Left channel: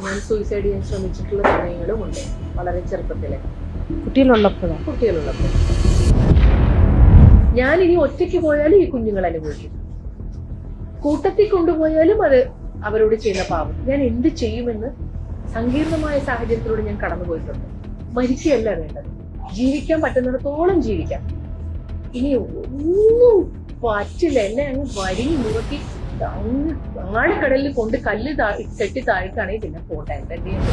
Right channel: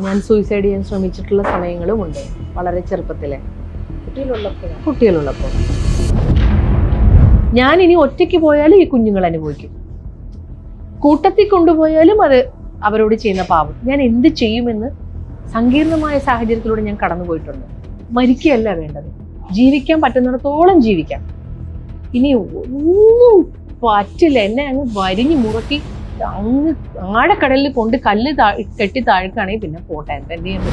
ഞാൻ സൂയിസൈഡ് ചെയ്യാൻ ശ്രമിച്ചിട്ടുള്ള സമയങ്ങളുമുണ്ട്, വളരെ ചെറുപ്പത്തിലെ. കുട്ടികളുള്ളപ്പോൾ ഞാൻ ഇനി ഒറ്റയ്ക്ക് പോയാലും ഈ കുഞ്ഞുങ്ങൾ അനുഭവിക്കും, കൂട്ടത്തിൽ കൊണ്ടുപോയാലും അത് അവരോട് ചെയ്യുന്ന പാവം. ഞാൻ എന്ത് ചെയ്യുമെന്ന് സങ്കീർണമായ സാഹചര്യത്തിലൂടെ ഞാൻ കടന്നുപോയിട്ടുണ്ട്. മരിക്കുകയല്ല വേണ്ടത്, ജീവിക്കാൻ പറ്റുന്നിടത്തോളം ജീവിക്കാം. ഇനി ഒന്നും പറ്റില്ല, എന്നെ അങ്ങ് വരിഞ്ഞു മുറുക്കി അങ്ങ് ആഴക്കടലിൽ കൊണ്ട് കല്ല് കെട്ടി താഴ്ക്കുകയാണെങ്കിൽ പിന്നെ പോട്ടെ, എന്ത് ചെയ്യണം.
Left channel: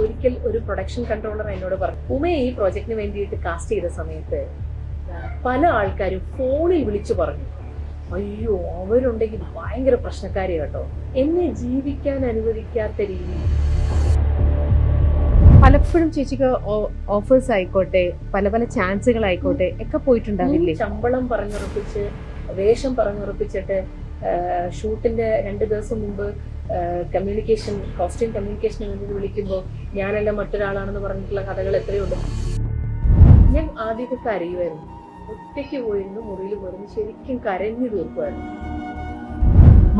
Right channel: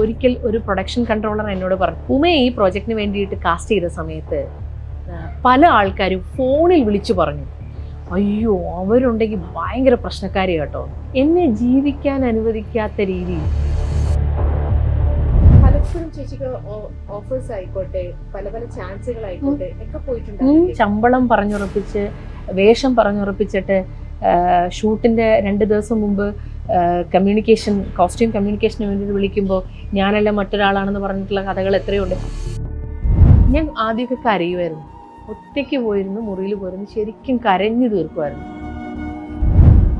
ഒരിക്കൽ ഒരു പ്രൊഡക്ഷൻ കൺട്രോളർ എന്നോട് പറഞ്ഞു, ഉമയെ ഈ പ്രോജക്റ്റിന് വേണ്ടിയിട്ട് കാസ്റ്റ് ചെയ്ത സമയത്ത് പല ആൾക്കാരും ഫോണിൽ വിളിച്ചു പറഞ്ഞു, അയ്യോ അവരുണ്ടെങ്കിൽ ഭയങ്കര പ്രശ്നക്കാരി കേട്ടോ, എന്നെ ജീവിക്കാൻ അനുവദിക്കാത്ത രീതിയിൽ. പലപ്പോഴും ചേച്ചിക്ക് ഓഫേഴ്സ് ആയിക്കോട്ടെ, പല പല ചാൻസുകൾ ആയിക്കോട്ടെ ഒക്കെ പോയിട്ടുണ്ടാവില്ലേ? ശമ്പളം പറഞ്ഞുറപ്പിച്ച്, വേഷം പറഞ്ഞുറപ്പിച്ചിട്ട് ഷൂട്ടിന്റെ 2 ദിവസം മുമ്പ് കോസ്റ്റ്യൂം കമ്മ്യൂണിക്കേഷന് വേണ്ടി വിളിക്കുമ്പോൾ ഞാനല്ല മറ്റൊരാളാണെന്ന് പറഞ്ഞിട്ടുള്ള കഥകൾ എത്രയുണ്ട്. ഞാൻ ആദ്യമൊക്കെ കരയുമായിരുന്നു, ഒറ്റയ്ക്ക് പോയിരുന്നു, മുറിയിൽ പോയിരുന്നു, ശരിക്കും കരഞ്ഞു തീർക്കുമായിരുന്നു.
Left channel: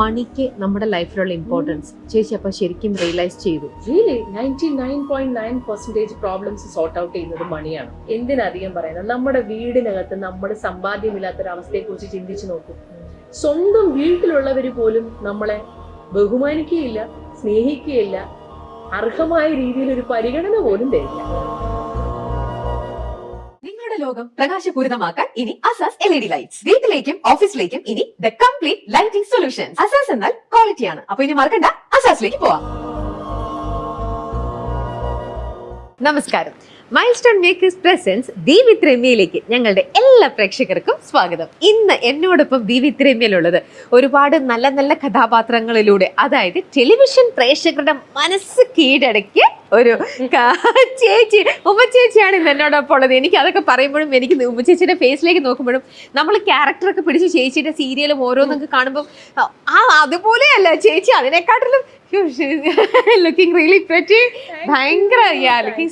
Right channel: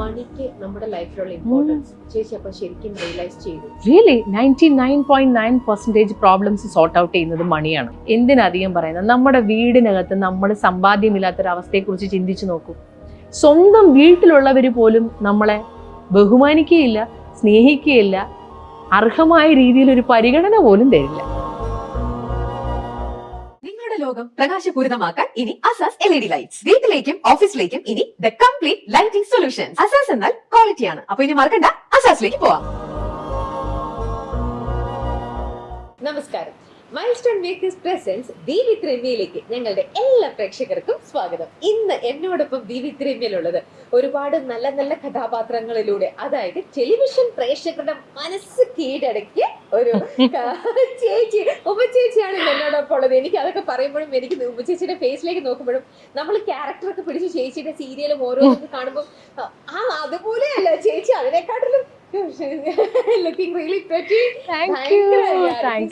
മണിക്ക് നമ്മുടെ ലൈഫിലുള്ള ഇമ്പോർട്ടൻസ് ചേച്ചി അപ്പൊ ശരിക്കും റിയലൈസ് ചെയ്തു. റിയലി 99.9% പ്രോബ്ലംസ് സോർട്ട് ഔട്ട് ചെയ്യുന്നത് മണിയാണ്. എന്തിനധികം പറയുന്നത്, നമ്മുടെ വീടിനകത്ത് നമ്മൾ സമ്പാദ്യമില്ലാത്തൊരവസ്ഥയെ കുറിച്ച് ചിന്തിച്ചു നോക്കൂ. സ്വന്തം വീട്ടിലുള്ളവർ പോലും നമ്മളെ ബഹുമാനിക്കുകയില്ല, സ്നേഹിക്കുകയില്ല, അർഹമായ രീതിയിൽ ഒരു പരിഗണന പോലും തരില്ല. ലോകം പ്രകാശപൂരിതമാക്കാൻ ഇനി അസാസ് LED ലൈറ്റ്സ്. വീട്ടിലേക്കും ഓഫീസിലേക്കും ഇനി the complete lighting solutions. Asas എന്നാൽ ക്വാളിറ്റിയാണ്. അപ്പൊ ഇനി മറക്കണ്ട, അസാസിലേക്ക് പോവാം. നമസ്കാരം. മൈൽസ്റ്റോൺ മേക്കേഴ്സ് പ്രസൻസ് ദി വിത്ത് രമ്യയിലേക്ക് ഞങ്ങളുടെ എല്ലാ പ്രേക്ഷകർക്കും സ്വാഗതം. ഇന്ന് എന്നോടൊപ്പം ദി വിത്ത് രമ്യയിലുള്ളത് ഒരുപാട് നല്ല നല്ല കഥാപാത്രങ്ങളിലൂടെ, അതായത് ടെലിവിഷൻ പ്രേക്ഷകരുടെ മനസ്സ് കീഴടക്കിയ ഒരു ചേച്ചി, ഉമ്മച്ചേച്ചിയാണ് ഇന്ന് എന്നോടൊപ്പം ഉള്ളത്. എനിക്ക് അതൊക്കെ പറയുമ്പോഴും എനിക്ക് ഉമ്മച്ചേച്ചിയുടെ ഫേസിലേക്ക് നോക്കുമ്പോഴും നമ്മൾ ക്യാരക്ടറൊക്കെ പിടിച്ച് ചേച്ചിയുടെ സീരിയലും ഓരോന്നൊക്കെ കാണുമ്പോൾ അതുപോലെയല്ല ചേച്ചി, അതിനെക്കാട്ടിലും ലുക്കിംഗ് റിയലി പ്രെറ്റി, ഭയങ്കര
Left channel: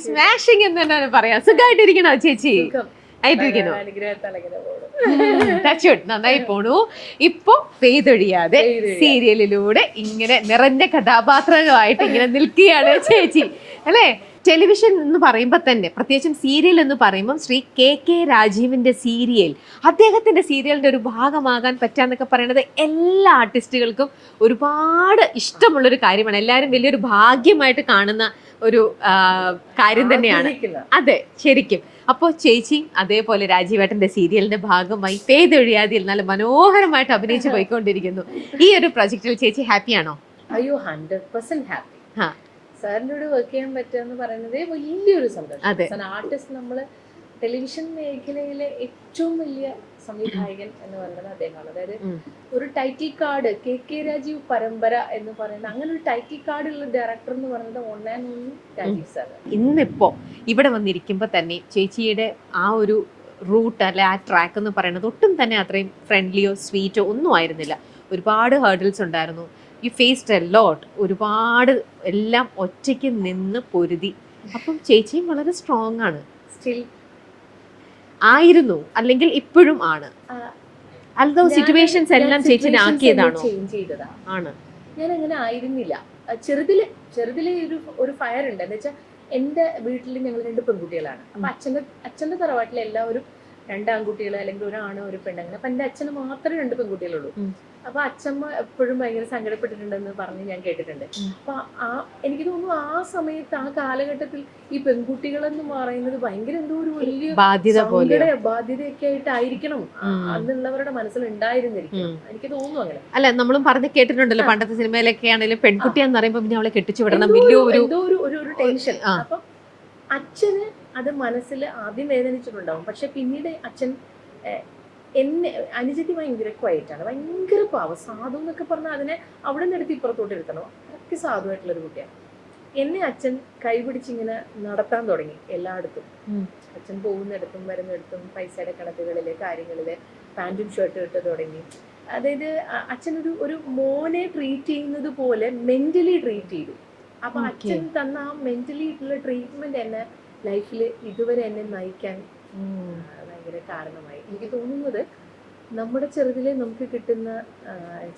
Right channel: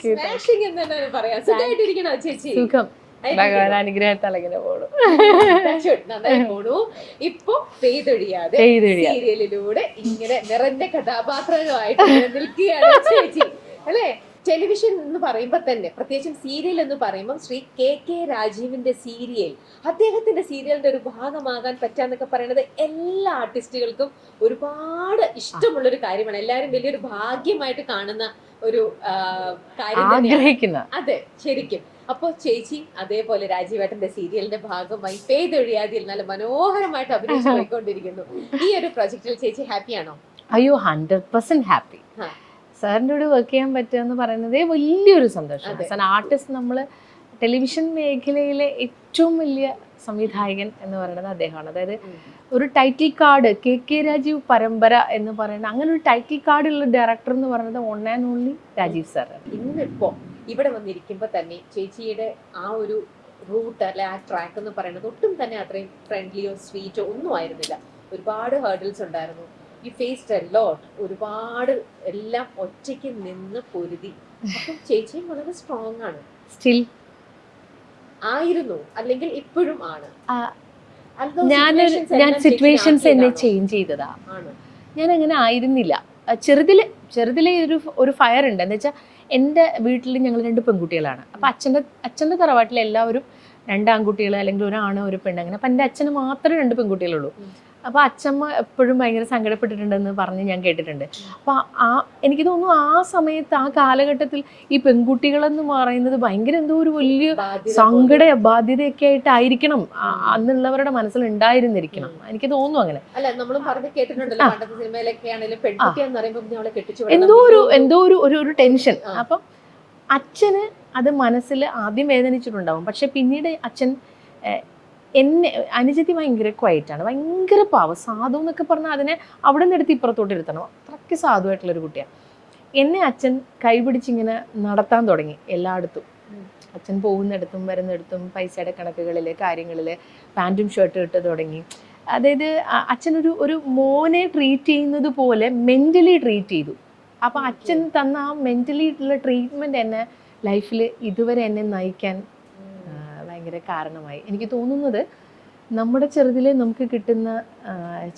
സ്മാഷിംഗ് എന്ന് തന്നെ പറയാം. സുഖമായിട്ടിരിക്കണോ ചേച്ചി? നന്നായി പോണു. ഇപ്പൊ പെയ്തൊഴിയാതെ സീരിയലിലൂടെ ഇങ്ങനെ നിറഞ്ഞ കഥാപാത്രമായിട്ട് ഇങ്ങനെ നിൽക്കുകയാണ് ചേച്ചി, അല്ലേ? ടെലിവിഷൻ എന്ന് പറയുമ്പോൾ തന്നെ, പ്രത്യേകിച്ചും സീരിയൽ എന്ന് പറയുമ്പോൾ ശ്രീ KK രാജീവിന്റെ സീരിയൽ, അദ്ദേഹത്തിന്റെ സീരിയലിന്റെ ഒരു ഭാഗമാകാൻ പറ്റാന്നൊക്കെ പറയുന്നത് എല്ലാ ആർട്ടിസ്റ്റുകൾക്കും ഒരുപാട് ഇഷ്ടമുള്ളൊരു കാര്യമാണ്. എല്ലാവരും വലിയൊരു ഭാഗ്യമായിട്ട് കാണുന്ന ഒരു കാര്യം തന്നെയാണ്. അതെ, ശരിക്കും. അപ്പോൾ ചേച്ചി അതേപോലെ രാജീവേട്ടന്റെ സീരിയലിന്റെ ഭാഗമായി പെയ്തൊഴിയാതിൽ നല്ല മനോഹരമായിട്ട് അഭിനയിച്ചു പോയിക്കൊണ്ടിരിക്കുന്നു. ഈ ഒരു പ്രൊജക്റ്റിൽ ചേച്ചി ഹാപ്പിയാണോ? അയ്യോ, 100% ഹാപ്പി. സാറിൻ്റെ കൂടെ വർക്ക് ചെയ്യാൻ പറ്റുക എന്ന് പറയുന്നത് വലിയൊരു സന്തോഷം. ആർട്ടിസ്റ്റ്, നമ്മൾ ടെലിവിഷൻ മേഖലയിലെ ഏറ്റവും വലിയ സംവിധായകൻ എന്ന് പറയുന്നത് അദ്ദേഹമാണ്. അതായത് ഒരു ടൈറ്റിൽ കാർഡ്, KK രാജീവ് പരമ്പര എന്ന് പറയുന്നത്, അങ്ങനെ ഒരു ടൈറ്റിൽ കാർഡ് ഉള്ള ഡയറക്ടർ എന്ന് പറയുന്നത് one and only Rajeev sir. ഇന്നിപ്പോ ഇവിടെ വന്നിരിക്കുമ്പോൾ തന്നെ ചേച്ചിയുടെ ആ ഒരു റൂട്ട് അല്ലെ ആ ട്രാക്ക് എന്ന് പറയുന്നത് ഒട്ടും തന്നെ അത്രയും ഫ്രണ്ട്ലിയോ സ്വീറ്റോ ഒന്നും ആയിരുന്നില്ല. ഒരുപാട് ഹേർഡിൽസ് ഉണ്ടായിരുന്നു. You faced a lot. ഒരുപാട് എല്ലാം ഒറ്റയ്ക്ക് നിന്ന് പൊരുതി. അപ്പം ചേച്ചിയും വളരെ സ്ട്രോങ് ആണ്. സ്റ്റിൽ ആയിരുന്നു, അല്ലെങ്കിൽ ഇപ്പോഴും ആണ്? ചേഞ്ച് ചെയ്തതാ ആണ്. ഞാൻ അങ്ങനെ ആയിരുന്നില്ല. ചെറുതിലെ ഒരു ഫയർ ഉണ്ട്. എന്ന് വെച്ചാൽ എൻ്റെ വീട്ടിൽ ഞങ്ങൾ 2 പെൺകുട്ടികളാണ്. അപ്പൊ അച്ഛൻ്റെ തറവാട്ടിൽ എല്ലാവരും 2 ആൺകുട്ടികൾ, അല്ലെങ്കിൽ ഒരു ആണ് ഒരു പെണ്ണ്, അങ്ങനെ. അപ്പൊ എൻ്റെ അച്ഛന് മാത്രമേ 2 പെൺകുട്ടികളുള്ളൂ. അപ്പൊ അച്ഛമ്മ എപ്പോഴും ഭയങ്കര സങ്കടപ്പെട്ടിട്ടുണ്ടെന്ന് പറഞ്ഞ് ഞാൻ കേട്ടിട്ടുണ്ട്. അപ്പൊ എനിക്ക് തോന്നുന്നു ആ സമയത്ത്, ആ കാലഘട്ടത്തിൽ ഈ പെൺകുട്ടികളെന്ന് പറയുന്നത് ഭയങ്കര എന്തോ ഒരു വലിയ ബാധ്യതയൊക്കെ ആയിട്ടായിരിക്കണം അന്നുള്ളവരുടെ മനസ്സിൽ ഉണ്ടായിരുന്നിരിക്കണം. എനിക്ക് തോന്നുന്നു അങ്ങനെ. അല്ല, നമ്മളും പറഞ്ഞ് കേട്ടിട്ടുണ്ടല്ലോ, പണ്ടത്തെ സിനിമയിലൊക്കെ ആണെങ്കിലും പെൺകുട്ടിയാന്ന് പറയുമ്പോൾ പിന്നെ അവളെ കെട്ടിച്ചു വിടണം, എന്തോ ഒരു ടെൻഷൻ. അപ്പൊ അച്ഛന് അത് മനസ്സിൽ ആദ്യം വേദനിച്ചിട്ടുണ്ടാവും. പക്ഷെ പിന്നീട് അച്ഛൻ എന്നെ, അനുജത്തി ഭയങ്കര ക്വയറ്റാണ്, ഭയങ്കര പാവം, സാധു എന്നൊക്കെ പറഞ്ഞാൽ അതിനെ അവിടെ നിന്ന് എടുത്ത് ഇപ്പുറത്തോട്ട് ഇരുത്തണം, അത്രയ്ക്ക് സാധുവായിട്ടുള്ളൊരു കുട്ടിയാണ്. എന്നെ അച്ഛൻ കൈപിടിച്ചിങ്ങനെ നടത്താൻ തുടങ്ങി എല്ലായിടത്തും. അച്ഛൻ പോകുന്നിടത്തും വരുന്നിടത്തും പൈസയുടെ കണക്കുകളിൽ, കാര്യങ്ങളിൽ പാൻറ്റും ഷർട്ടും ഇട്ട് തുടങ്ങി. അതായത് അച്ഛനൊരു മോനെ ട്രീറ്റ് ചെയ്യുന്നത് പോലെ മെൻ്റലി ട്രീറ്റ് ചെയ്തു. അപ്പം അച്ഛൻ തന്ന ആ മെൻ്റലി ഉള്ള ട്രീറ്റ്മെൻറ്റ് എന്നെ ലൈഫിൽ ഇതുവരെ എന്നെ നയിക്കാൻ ഭയങ്കര കാരണമായി. എനിക്ക് തോന്നുന്നത് നമ്മുടെ ചെറുതിലെ നമുക്ക് കിട്ടുന്ന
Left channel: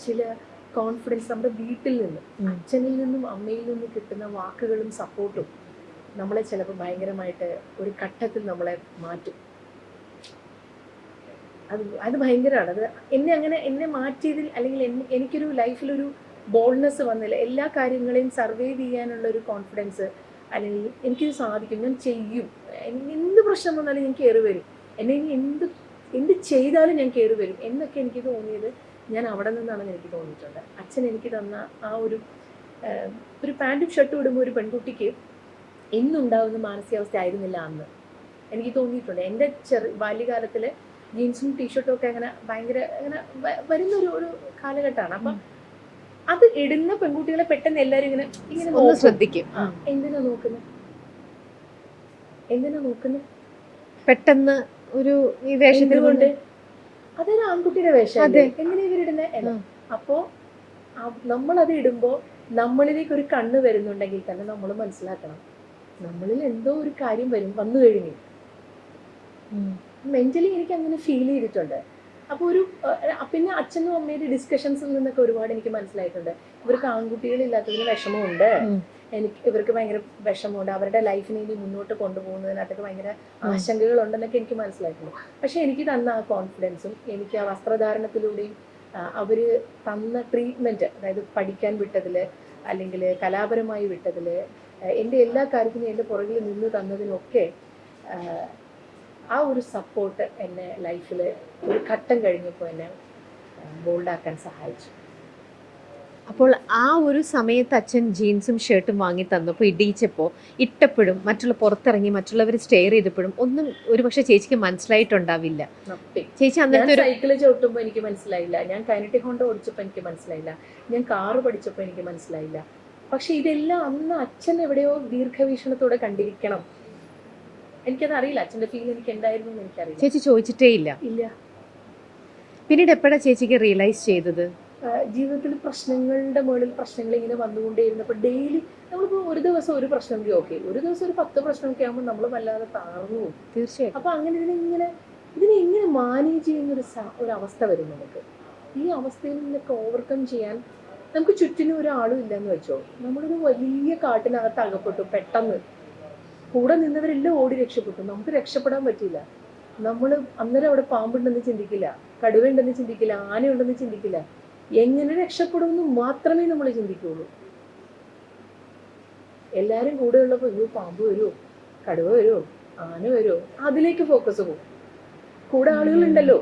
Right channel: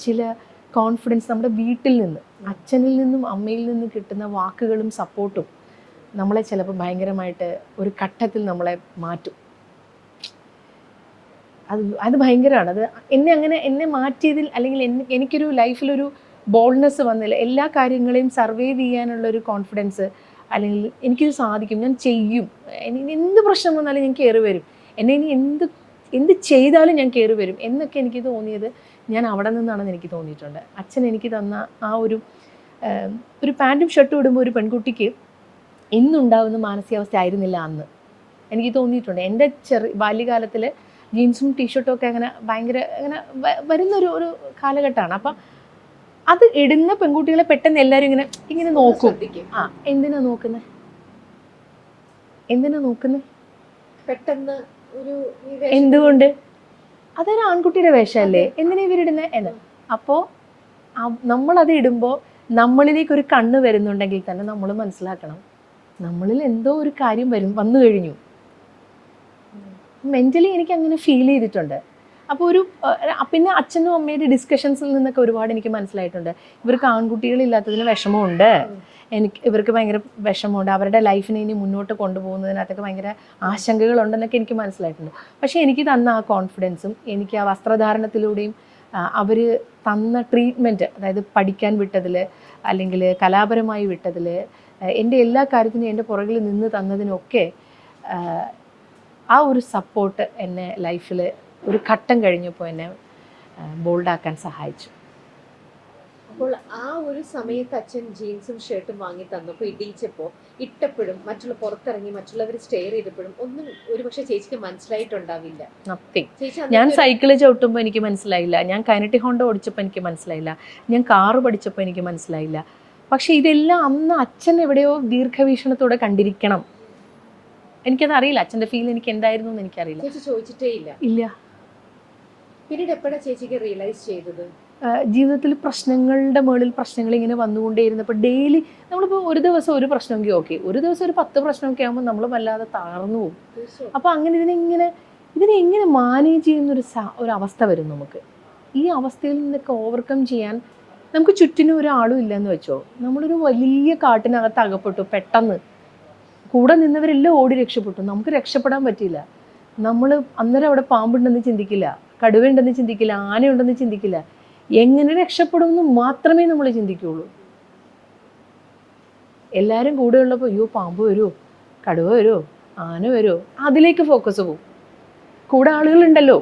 ചില കോൺഫിഡൻസ് നമ്മുടെ വീട്ടിൽ നിന്ന്, അച്ഛനിൽ നിന്നും അമ്മയിൽ നിന്നും കിട്ടുന്ന വാക്കുകളും സപ്പോർട്ടും നമ്മളെ ചിലപ്പോൾ ഭയങ്കരമായിട്ട് ഒരു ഘട്ടത്തിൽ നമ്മളെ മാറ്റും. അത് ഭയങ്കരമാണ്. അത് എന്നെ മാറ്റിയതിൽ, അല്ലെങ്കിൽ എനിക്കൊരു ലൈഫിലൊരു ബോൾഡ്നെസ് വന്നില്ല. എല്ലാ കാര്യങ്ങളെയും സർവൈവ് ചെയ്യാനുള്ളൊരു കോൺഫിഡൻസ്, അല്ലെങ്കിൽ എനിക്കിത് സാധിക്കും, ഞാൻ ചെയ്യും, എനിക്ക് എന്ത് പ്രശ്നം വന്നാലും ഞാൻ കയറി വരും, എന്നെ ഇനി എന്ത് ചെയ്താലും ഞാൻ കയറി വരും എന്നൊക്കെ എനിക്ക് തോന്നിയത് ഞാൻ അവിടെ നിന്നാണെന്ന് എനിക്ക് തോന്നിയിട്ടുണ്ട്. അച്ഛൻ എനിക്ക് തന്ന ആ ഒരു പാൻറ്റും ഷർട്ടും ഇടുമ്പോൾ ഒരു പെൺകുട്ടിക്ക് ഇന്നുണ്ടാകുന്ന മാനസികാവസ്ഥ ആയിരുന്നില്ല അന്ന് എനിക്ക് തോന്നിയിട്ടുണ്ട്. എൻ്റെ ബാല്യകാലത്തിൽ ജീൻസും ടീഷർട്ടും ഒക്കെ അങ്ങനെ ഭയങ്കര അങ്ങനെ വരുന്നൊരു കാലഘട്ടമാണ്. അപ്പം അത് ഇടുന്ന പെൺകുട്ടികളെ പെട്ടെന്ന് എല്ലാവരും ഇങ്ങനെ നോക്കും, ശ്രദ്ധിക്കും. എന്തിനാ നോക്കുന്നത് പെട്ടെന്ന് ഒരു എന്തുകൊണ്ട്, അതൊരു ആൺകുട്ടിയുടെ വേഷമല്ലേ, എന്തിനാ ഇവരിടുന്നത് എന്ന്. അപ്പോൾ നമ്മളത് ഇടുമ്പോൾ നമ്മളിലേക്ക് ഒരു കണ്ണ് വരുന്നുണ്ടെങ്കിൽ തന്നെ നമ്മൾ മനസ്സിലാക്കണം, നമ്മളിൽ എന്തോ ഒരു കാര്യം വന്നു കഴിഞ്ഞു. മെന്റലി എനിക്ക് അങ്ങനെ ഫീൽ ചെയ്തിട്ടുണ്ട്. അപ്പോൾ പിന്നെ അച്ഛനും അമ്മയുടെ ഡിസ്കഷൻസിൽ നിന്നൊക്കെ ഒരുപാട് എനിക്ക് മനസ്സിലായിട്ടുണ്ട്. ഇവർക്ക് ആൺകുട്ടികളില്ലാത്തതിന് വിഷമമുണ്ട്, ഇവർക്ക് ഭയങ്കര വിഷമമുണ്ട്, അവരുടെ ലൈഫിനെ ഇനി മുന്നോട്ട് കൊണ്ടുപോകുന്നതിനകത്തൊക്കെ ഭയങ്കര ആശങ്കകളുണ്ടെന്നൊക്കെ എനിക്ക് മനസ്സിലായിട്ടുണ്ട്. പക്ഷേ എനിക്ക് തന്ന ആ കോൺഫിഡൻസും, എനിക്ക് ആ വസ്ത്രധാരണത്തിലൂടെയും അവർ തന്ന ട്രീറ്റ്മെൻറ്റ്, അതായത് പഠിക്കാൻ വിട്ടതിൽ അല്ലെങ്കിൽ കലാപരമായി വിട്ടതിൽ, എൻ്റെ എല്ലാ കാര്യത്തിനും എൻ്റെ പുറകിൽ നിന്ന് തന്നതിനൊക്കെ ആ ഒരു സപ്പോർട്ട് എന്നെ ലൈഫിൽ ഒരു ഘട്ടം കഴിഞ്ഞപ്പോൾ എന്നെ ബോൾഡാക്കാൻ സഹായിച്ചു. അപ്പോൾ ആ ഒരു സമയത്ത് അച്ഛൻ ജീൻസും ഷർട്ടും വാങ്ങി തന്നപ്പോൾ ഇടിയിച്ചപ്പോൾ ഇട്ടപ്പോഴും പുറത്തിറങ്ങി മറ്റുള്ളവർ സ്റ്റെയർ ചെയ്തപ്പോഴും ഒന്നും ഒരു പക്ഷേ ചേച്ചിക്ക് മനസ്സിലായിട്ടുണ്ടാവില്ല. ചേച്ചി ഞാൻ സൈക്കിള് ചവിട്ടുമ്പോൾ എനിക്ക് മനസ്സിലായില്ല, ഞാൻ കൈനറ്റിക് ഹോണ്ട ഓടിച്ചപ്പോൾ എനിക്ക് മനസ്സിലായില്ല, ഞാൻ കാറ് പഠിച്ചപ്പോൾ എനിക്ക് മനസ്സിലായില്ല. പക്ഷെ ഇതെല്ലാം അന്ന് അച്ഛൻ എവിടെയോ ദീർഘവീക്ഷണത്തോടെ കണ്ടിരിക്കണം. എനിക്കത് അറിയില്ല, അച്ഛൻ്റെ ഫീൽ എനിക്ക് എന്തായിരുന്നു എന്ന് എനിക്കറിയില്ല. ചേച്ചി ചോദിച്ചിട്ടേ ഇല്ല. പിന്നീട് എപ്പോഴാണ് ചേച്ചിക്ക് റിയലൈസ് ചെയ്തത്? ജീവിതത്തിൽ പ്രശ്നങ്ങളുടെ മുകളിൽ പ്രശ്നങ്ങൾ ഇങ്ങനെ വന്നുകൊണ്ടേയിരുന്നപ്പോൾ ഡെയിലി നമ്മളിപ്പോൾ ഒരു ദിവസം ഒരു പ്രശ്നമൊക്കെ ഓക്കെ, ഒരു ദിവസം ഒരു 10 പ്രശ്നമൊക്കെ ആകുമ്പോൾ നമ്മൾ വല്ലാതെ താഴ്ന്നു പോകും. തീർച്ചയായും. അപ്പോൾ അങ്ങനെ ഇതിനെ എങ്ങനെ മാനേജ് ചെയ്യുന്നൊരു അവസ്ഥ വരും നമുക്ക്. ഈ അവസ്ഥയിൽ നിന്നൊക്കെ ഓവർകം ചെയ്യാൻ നമുക്ക് ചുറ്റിനും ഒരാളും ഇല്ലെന്ന് വെച്ചോ, നമ്മളൊരു വലിയ കാട്ടിനകത്ത് അകപ്പെട്ടു, പെട്ടെന്ന് കൂടെ നിന്നവരെല്ലാം ഓടി രക്ഷപ്പെട്ടു, നമുക്ക് രക്ഷപ്പെടാൻ പറ്റിയില്ല. നമ്മൾ അന്നേരം അവിടെ പാമ്പുണ്ടെന്ന് ചിന്തിക്കില്ല, കടുവയുണ്ടെന്ന് ചിന്തിക്കില്ല, ആനയുണ്ടെന്ന് ചിന്തിക്കില്ല, എങ്ങനെ രക്ഷപ്പെടുമെന്ന് മാത്രമേ നമ്മൾ ചിന്തിക്കുകയുള്ളൂ. എല്ലാവരും കൂടെ ഉള്ളപ്പോൾ അയ്യോ പാമ്പ് വരുമോ, കടുവ വരുമോ, ആന വരുമോ, അതിലേക്ക് ഫോക്കസ് പോകും. കൂടെ ആളുകളുണ്ടല്ലോ.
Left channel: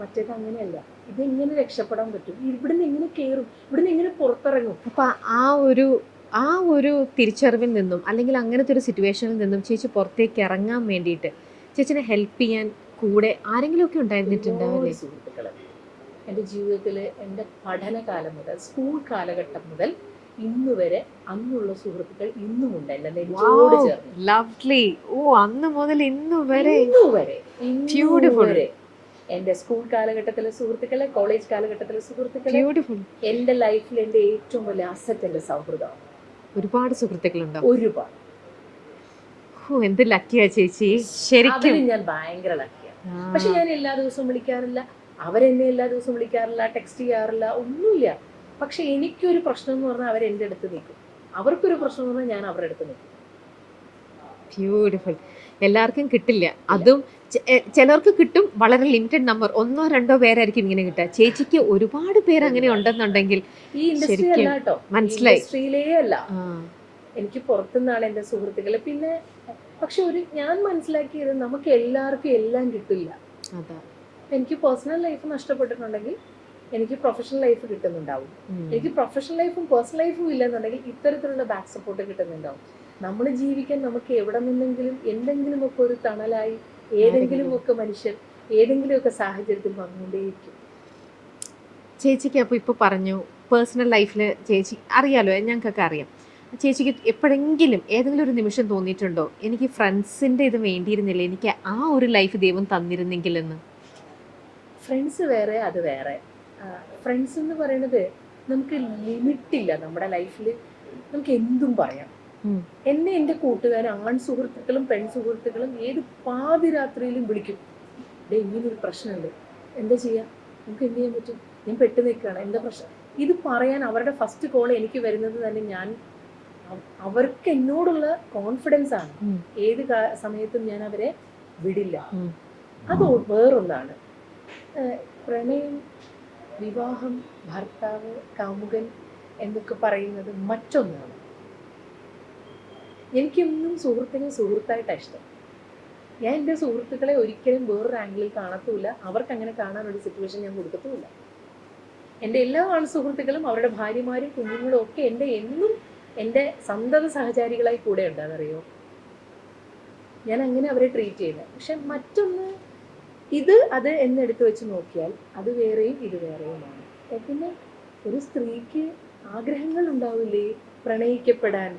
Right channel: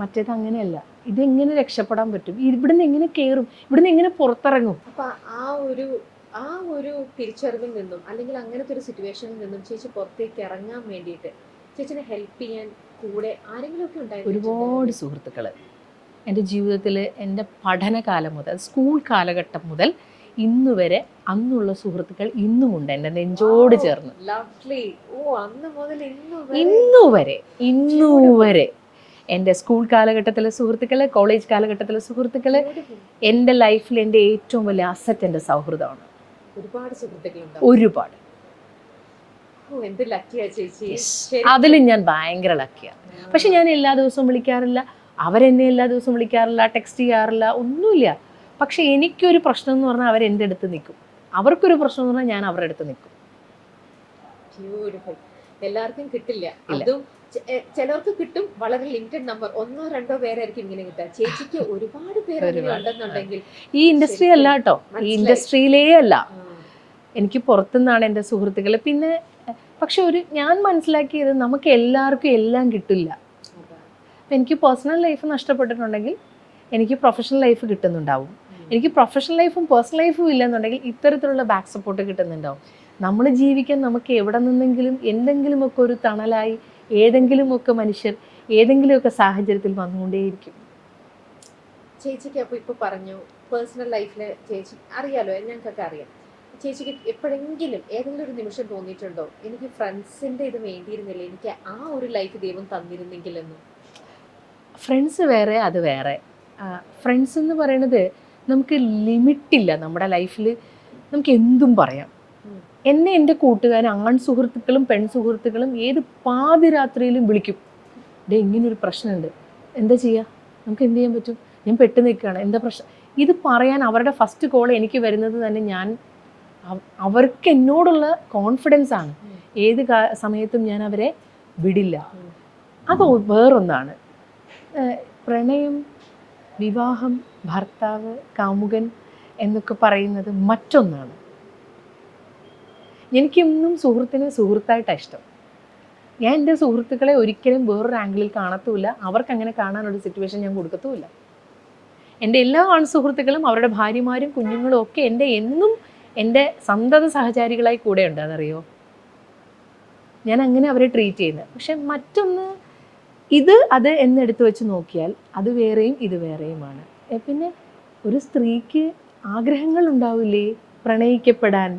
മറ്റേത് അങ്ങനെയല്ല. ഇതെങ്ങനെ രക്ഷപ്പെടാൻ പറ്റും, ഇവിടുന്ന് എങ്ങനെ കയറും, ഇവിടുന്ന് എങ്ങനെ പുറത്തിറങ്ങും. അപ്പം ആ ഒരു തിരിച്ചറിവിൽ നിന്നും അല്ലെങ്കിൽ അങ്ങനത്തെ ഒരു സിറ്റുവേഷനിൽ നിന്നും ചേച്ചി പുറത്തേക്ക് ഇറങ്ങാൻ വേണ്ടിയിട്ട് ചേച്ചിനെ ഹെൽപ്പ് ചെയ്യാൻ കൂടെ ആരെങ്കിലുമൊക്കെ ഉണ്ടായിരുന്നിട്ടുണ്ടാവും? സുഹൃത്തുക്കൾ എൻ്റെ ജീവിതത്തിൽ എൻ്റെ പഠനകാലം മുതൽ, സ്കൂൾ കാലഘട്ടം മുതൽ ഇന്ന് വരെ അന്നുള്ള സുഹൃത്തുക്കൾ ഇന്നുമുണ്ട് എൻ്റെ നെഞ്ചോട് ചേർന്ന്. ലവ്ലി. അന്ന് മുതൽ ഇന്നു വരെ എൻ്റെ സ്കൂൾ കാലഘട്ടത്തിലെ സുഹൃത്തുക്കള്, കോളേജ് കാലഘട്ടത്തിലെ സുഹൃത്തുക്കള്, എൻ്റെ ലൈഫിൽ എൻ്റെ ഏറ്റവും വലിയ അസറ്റ് എൻ്റെ സൗഹൃദമാണ്. ഒരുപാട് സുഹൃത്തുക്കളുണ്ട്. ഒരുപാട്. എന്ത് ലക്കിയാ ചേച്ചി. അതിൽ ഞാൻ ഭയങ്കര ലക്കിയാണ്. പക്ഷെ ഞാൻ എല്ലാ ദിവസവും വിളിക്കാറില്ല, അവരെന്നെ എല്ലാ ദിവസവും വിളിക്കാറില്ല, ടെക്സ്റ്റ് ചെയ്യാറില്ല, ഒന്നുമില്ല. പക്ഷെ എനിക്കൊരു പ്രശ്നം എന്ന് പറഞ്ഞാൽ അവരെൻ്റെ അടുത്ത് നിൽക്കും, അവർക്കൊരു പ്രശ്നം എന്ന് പറഞ്ഞാൽ ഞാൻ അവരുടെ അടുത്ത് നിൽക്കും. ബ്യൂട്ടിഫുൾ. എല്ലാവർക്കും കിട്ടില്ല, അതും ചിലർക്ക് കിട്ടും, വളരെ ലിമിറ്റഡ് നമ്പർ, 1 or 2 പേരായിരിക്കും ഇങ്ങനെ കിട്ടുക. ചേച്ചിക്ക് ഒരുപാട് പേര് അങ്ങനെ ഉണ്ടെന്നുണ്ടെങ്കിൽ ഈ ഇൻഡസ്ട്രി അല്ല കേട്ടോ, ഇൻഡസ്ട്രിയിലേ അല്ല, എനിക്ക് പുറത്തുനിന്നാണ് എൻ്റെ സുഹൃത്തുക്കൾ. പിന്നെ പക്ഷെ ഞാൻ മനസ്സിലാക്കിയത് നമുക്ക് എല്ലാവർക്കും എല്ലാം കിട്ടില്ല. എനിക്ക് പേഴ്സണൽ ലൈഫ് നഷ്ടപ്പെട്ടിട്ടുണ്ടെങ്കിൽ എനിക്ക് പ്രൊഫഷണൽ ലൈഫ് കിട്ടുന്നുണ്ടാവും. എനിക്ക് പ്രൊഫഷണൽ ലൈഫും പേഴ്സണൽ ലൈഫും ഇല്ലെന്നുണ്ടെങ്കിൽ ഇത്തരത്തിലുള്ള ബാക്ക് സപ്പോർട്ട് കിട്ടുന്നുണ്ടാവും. നമ്മൾ ജീവിക്കാൻ നമുക്ക് എവിടെ നിന്നെങ്കിലും എന്തെങ്കിലുമൊക്കെ ഒരു തണലായി ഏതെങ്കിലുമൊക്കെ മനുഷ്യർ ഏതെങ്കിലുമൊക്കെ സാഹചര്യത്തിൽ വന്നുകൊണ്ടേയിരിക്കും. ചേച്ചിക്ക് അപ്പോൾ ഇപ്പോൾ പറഞ്ഞു പേഴ്സണൽ ലൈഫിൽ ചേച്ചി അറിയാലോ, ഞങ്ങൾക്കൊക്കെ അറിയാം. ചേച്ചിക്ക് എപ്പോഴെങ്കിലും ഏതെങ്കിലും ഒരു നിമിഷം തോന്നിയിട്ടുണ്ടോ എനിക്ക് ഫ്രണ്ട്സിൻ്റെ ഇത് വേണ്ടിയിരുന്നില്ല, എനിക്ക് ആ ഒരു ലൈഫ് ദൈവം തന്നിരുന്നെങ്കിലെന്ന്? ഫ്രണ്ട്സ് വേറെ, അത് വേറെ. ഫ്രണ്ട്സ് എന്ന് പറയുന്നത് നമുക്ക് ലിമിറ്റില്ല. നമ്മുടെ ലൈഫിൽ നമുക്ക് എന്തും പറയാം. എന്നെ എൻ്റെ കൂട്ടുകാരൻ, ആൺ സുഹൃത്തുക്കളും പെൺ സുഹൃത്തുക്കളും ഏത് പാതിരാത്രിയിലും വിളിക്കും, ഇങ്ങനൊരു പ്രശ്നമുണ്ട്, എന്താ ചെയ്യുക, നമുക്ക് എന്ത് ചെയ്യാൻ പറ്റും, ഞാൻ പെട്ടു നിൽക്കുകയാണ്, എന്താ പ്രശ്നം? ഇത് പറയാൻ അവരുടെ ഫസ്റ്റ് കോൾ എനിക്ക് വരുന്നത് തന്നെ ഞാൻ അവർക്ക് എന്നോടുള്ള കോൺഫിഡൻസ് ആണ്. ഏത് സമയത്തും ഞാൻ അവരെ വിടില്ല. അത് വേറൊന്നാണ്. പ്രണയം, വിവാഹം, ഭർത്താവ്, കാമുകൻ എന്നൊക്കെ പറയുന്നത് മറ്റൊന്നാണ്. എനിക്കിന്നും സുഹൃത്തിനെ സുഹൃത്തായിട്ടാണ് ഇഷ്ടം. ഞാൻ എൻ്റെ സുഹൃത്തുക്കളെ ഒരിക്കലും വേറൊരു ആംഗിളിൽ കാണത്തുമില്ല. അവർക്ക് അങ്ങനെ കാണാനൊരു സിറ്റുവേഷൻ ഞാൻ കൊടുക്കത്തുമില്ല. എൻ്റെ എല്ലാ ആൺ സുഹൃത്തുക്കളും അവരുടെ ഭാര്യമാരും കുഞ്ഞുങ്ങളും ഒക്കെ എന്നും എൻ്റെ സന്തത സഹചാരികളായി കൂടെ ഉണ്ട്. അതറിയോ, ഞാൻ അങ്ങനെ അവരെ ട്രീറ്റ് ചെയ്യുന്നത്. പക്ഷെ മറ്റൊന്ന് അത് എന്നെടുത്ത് വെച്ച് നോക്കിയാൽ അത് വേറെയും ഇത് വേറെയുമാണ്. പിന്നെ ഒരു സ്ത്രീക്ക് ആഗ്രഹങ്ങൾ ഉണ്ടാവില്ലേ പ്രണയിക്കപ്പെടാൻ,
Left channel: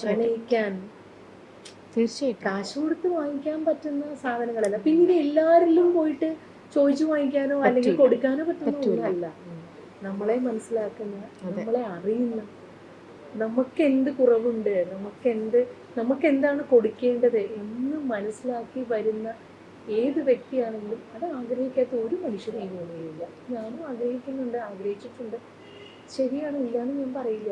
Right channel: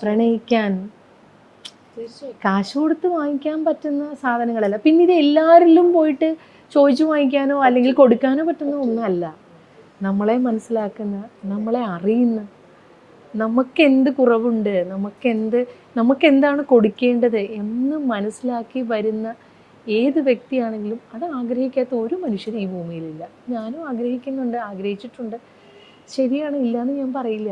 പ്രണയിക്കാൻ? തീർച്ചയായും കാശ് കൊടുത്ത് വാങ്ങിക്കാൻ പറ്റുന്ന സാധനങ്ങളല്ല. പിന്നെ ഇത് എല്ലാവരിലും പോയിട്ട് ചോദിച്ചു വാങ്ങിക്കാനോ അല്ലെങ്കിൽ കൊടുക്കാനോ പറ്റുന്ന ഒന്നല്ല. നമ്മളെ മനസ്സിലാക്കുന്ന, നമ്മളെ അറിയുന്ന, നമുക്ക് എന്ത് കുറവുണ്ട്, നമുക്ക് എന്താണ് കൊടുക്കേണ്ടത് എന്ന് മനസ്സിലാക്കി വരുന്ന ഏത് വ്യക്തിയാണെങ്കിലും അത് ആഗ്രഹിക്കാത്ത ഒരു മനുഷ്യരും ഈ ഭൂമിയിലില്ല. ഞാനും ആഗ്രഹിക്കുന്നുണ്ട്, ആഗ്രഹിച്ചിട്ടുണ്ട്. ശരിയാണ്, ഇല്ലയെന്ന് ഞാൻ പറയില്ല.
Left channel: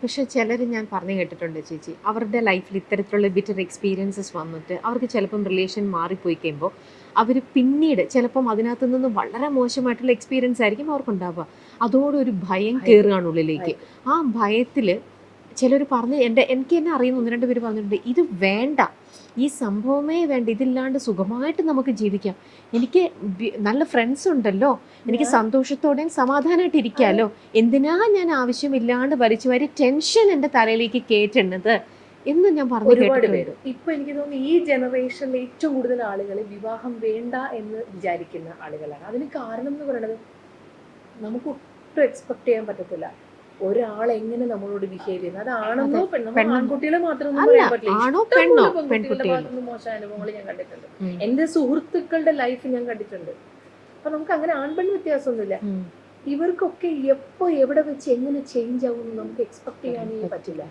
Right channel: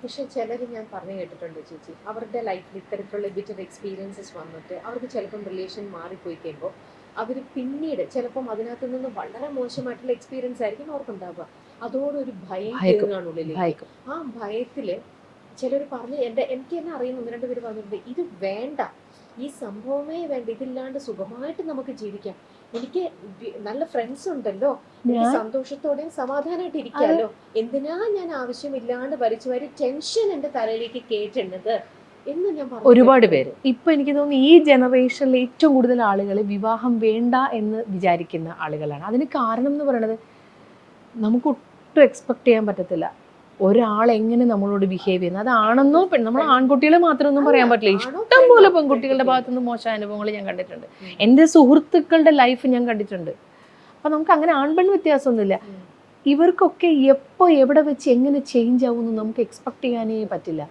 പക്ഷെ ചിലർ ഞാൻ പറഞ്ഞു കേട്ടിട്ടുണ്ട് ചേച്ചി, അവരുടെ ലൈഫിൽ ഇത്തരത്തിലുള്ള ബിറ്റർ എക്സ്പീരിയൻസസ് വന്നിട്ട് അവർക്ക് ചിലപ്പം റിലേഷൻ മാറിപ്പോയി കഴിയുമ്പോൾ അവർ പിന്നീട് ചിലപ്പം അതിനകത്ത് നിന്ന് വളരെ മോശമായിട്ടുള്ള എക്സ്പീരിയൻസ് ആയിരിക്കും അവർക്കുണ്ടാവുക. അതോടൊരു ഭയം കയറുകയാണ് ഉള്ളിലേക്ക്. ആ ഭയത്തിൽ ചിലർ പറഞ്ഞ് എനിക്ക് തന്നെ അറിയുന്ന 1-2 പേര് പറഞ്ഞിട്ടുണ്ട്, ഇത് വേണ്ട, ഈ സംഭവമേ വേണ്ട, ഇതില്ലാണ്ട് സുഖമായിട്ട് നമുക്ക് ജീവിക്കാം, എനിക്ക് നല്ല ഫ്രണ്ട്സ് ഉണ്ടല്ലോ, എനിക്ക് സന്തോഷത്തോടെയും സമാധാനമായിട്ട് ഇരിക്കാമല്ലോ, എന്തിനാ ഞാൻ ആവശ്യമില്ലാണ്ട് വലിച്ചു വാരി ടെൻഷൻ എൻ്റെ തലയിലേക്ക് കയറ്റുന്നത് എന്ന് ഞാൻ പറഞ്ഞു. ഒരുപാട് പേര് ഇപ്പൊ എനിക്ക് തോന്നുന്നു ഈ ജനറേഷനിൽ ഏറ്റവും കൂടുതൽ ആളുകൾ വിവാഹം വേണ്ട എന്ന് വിചാരിക്കുന്ന ആളുകളാണ്. അതിന് കാരണം എന്ന് പറയുന്നത് നമുക്ക് ഒട്ടും എക്സ്പെക്ട് ചെയ്യാൻ പറ്റത്തില്ല ഒരാൾ എങ്ങനെ നമ്മളോട് ബിഹേവ് ചെയ്യുന്നത്. അതാണെന്നോ നമ്മൾ ആൺകുട്ടികളെ മാത്രമൊന്നും പറയാൻ പറ്റില്ല. ഇഷ്ടംപോലെ പെൺകുട്ടികളുടെ ഭാഗത്തുനിന്ന് മോശം അനുഭവങ്ങൾ ഞാൻ കണ്ടിട്ടുണ്ട്. എൻ്റെ സുഹൃത്തുക്കളുടെ ലൈഫ് ഞാൻ കണ്ടിട്ടുണ്ട്. അപ്പൊ നമുക്ക് അങ്ങനെ ആൺപെൺ വ്യത്യാസമൊന്നുമില്ല. ഇവർക്കൊക്കെ എപ്പോ എവിടെ വെച്ച് എങ്ങനെ ചേഞ്ച് ആവുമെന്ന് നമുക്ക് എക്സ്പെക്ട് ചെയ്യാനേ പറ്റില്ല.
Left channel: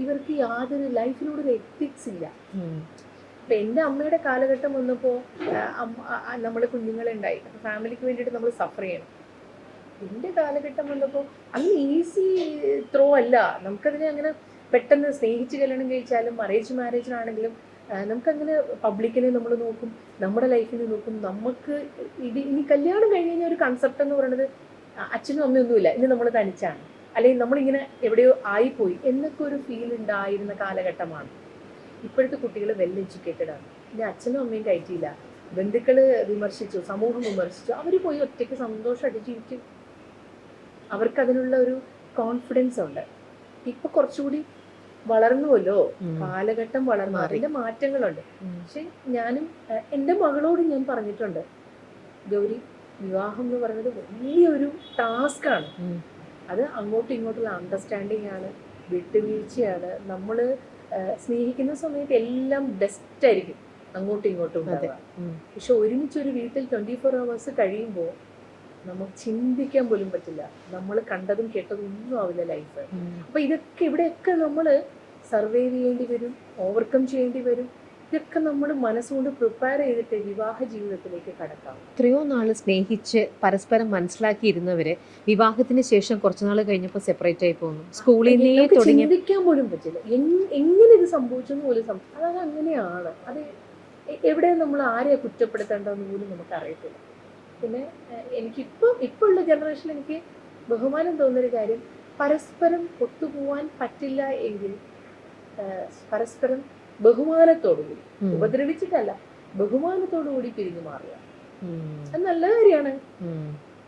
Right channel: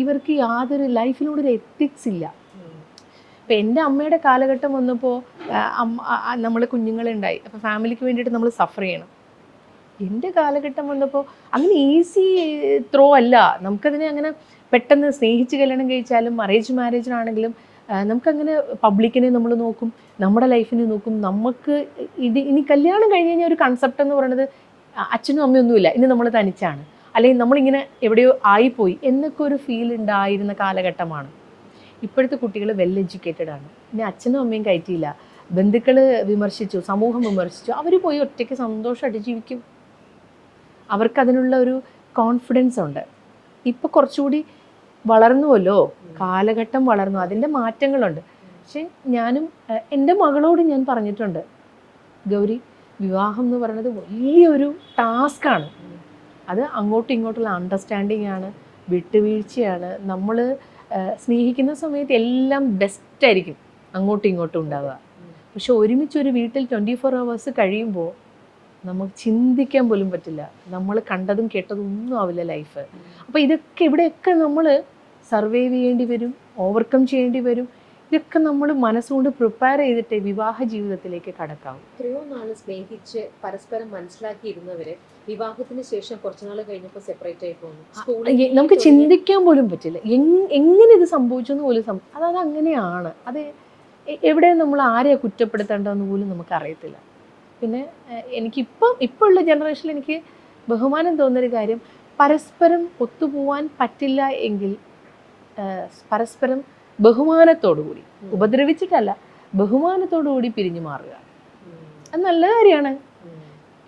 ഇവർക്ക് യാതൊരു ലൈഫിനോടൊരു എത്തിക്സ് ഇല്ല. ഇപ്പം എൻ്റെ അമ്മയുടെ കാലഘട്ടം വന്നപ്പോൾ നമ്മൾ കുഞ്ഞുങ്ങളെ ഉണ്ടായി, അപ്പോൾ ഫാമിലിക്ക് വേണ്ടിയിട്ട് നമ്മൾ സഫർ ചെയ്യണം. എൻ്റെ കാലഘട്ടം വന്നപ്പോൾ അങ്ങനെ ഈസി ത്രോ അല്ല. നമുക്കതിനെ അങ്ങനെ പെട്ടെന്ന് സ്നേഹിച്ച് കല്യാണം കഴിച്ചാലും മാരേജിനാണെങ്കിലും നമുക്കങ്ങനെ പബ്ലിക്കിനെ നമ്മൾ നോക്കും, നമ്മുടെ ലൈഫിനെ നോക്കും. നമുക്ക് ഇനി കല്യാണം കഴിഞ്ഞ് കഴിഞ്ഞാൽ ഒരു കൺസെപ്റ്റ് എന്ന് പറയുന്നത് അച്ഛനും അമ്മയൊന്നുമില്ല, ഇനി നമ്മൾ തനിച്ചാണ്, അല്ലെങ്കിൽ നമ്മളിങ്ങനെ എവിടെയോ ആയിപ്പോയി എന്നൊക്കെ ഒരു ഫീൽ ഉണ്ടായിരുന്ന കാലഘട്ടമാണ്. ഇപ്പോഴത്തെ കുട്ടികൾ വെൽ എഡ്യൂക്കേറ്റഡ് ആണ്. ഇനി അച്ഛനും അമ്മയും കയറ്റിയില്ല, ബന്ധുക്കൾ വിമർശിച്ചു, സമൂഹം വിമർശിച്ചു, അവർ പോയി ഒറ്റയ്ക്ക് സന്തോഷമായിട്ട് ജീവിക്കും. അവർക്കതിനുള്ള ഒരു കോൺഫിഡൻസ് ഉണ്ട്. ഇപ്പൊ കുറച്ചുകൂടി വളർന്നുവല്ലോ, കാലഘട്ടം വളർന്നു, അതിൻ്റെ മാറ്റങ്ങളുണ്ട്. പക്ഷെ ഞാനും എൻ്റെ മകളോട് ഞാൻ പറഞ്ഞിട്ടുണ്ട്, ഗൗരി, വിവാഹം എന്ന് പറയുന്നത് വലിയൊരു ടാസ്ക്കാണ്. അത് അങ്ങോട്ടും ഇങ്ങോട്ടുള്ള അണ്ടർസ്റ്റാൻഡിങ് ആണ്, വിട്ടുവീഴ്ചയാണ്. നമ്മൾ സ്നേഹിക്കുന്ന സമയത്ത് എല്ലാം ബെസ്റ്റ് ആയിരിക്കും അങ്ങോട്ടും ഇങ്ങോട്ടും ഉണ്ടാവുക. പക്ഷെ ഒരുമിച്ചൊരു വീട്ടിൽ 24 hours കഴിയുമ്പോൾ നമുക്ക് ചിന്തിക്കാൻ പോലും പറ്റില്ല. നമ്മൾ കണ്ടതും കേട്ടതും ഒന്നും ആവില്ല ലൈഫ്. അപ്പോൾ ഇവിടെയൊക്കെ നമ്മൾ സർവൈവ് ചെയ്യേണ്ടി വരും, ഓവർകം ചെയ്യേണ്ടി വരും. ഇതൊക്കെ നമ്മൾ മനസ്സുകൊണ്ട് പ്രിപ്പയർ ചെയ്തിട്ട് വിവാഹ ജീവിതത്തിലേക്ക് കടക്കാം. എത്രയോ നാൾ സ്നേഹിച്ച് പരസ്പരം മനസ്സിലാക്കിയിരുന്നവരെ വിവാഹത്തിന് ശേഷം കുറച്ചുനാൾ കഴിഞ്ഞപ്പോൾ സെപ്പറേറ്റ് ആയി പോകുന്നു. സ്കൂളിൽ നമുക്ക് ചിന്തിക്കാൻ പോലും പറ്റില്ല എങ്ങനെ ഇത് സംഭവിച്ചു എന്ന് പോലും. അത് അങ്ങനെയാണ്. അത് എവിടെയും നമ്മൾ ആരെയാ കുറ്റപ്പെടുത്തേണ്ടതെന്ന് പോലും നമുക്ക് അറിയത്തില്ല. പിന്നെ ഇപ്പോൾ ഉള്ള ജനറേഷനിൽ എനിക്ക് ബഹുമാനം തോന്നുന്നൊരു കാര്യം, പരസ്പരം ഒത്തുപോവാൻ പറ്റില്ല എങ്കിൽ പരസ്പരം ബഹുമാനത്തോടുകൂടി, ഉപദ്രവിച്ചിട്ടല്ല, ബഹുമാനത്തോടുകൂടി പിരിഞ്ഞു മാറുക. അത് നല്ല കാര്യമാണ്.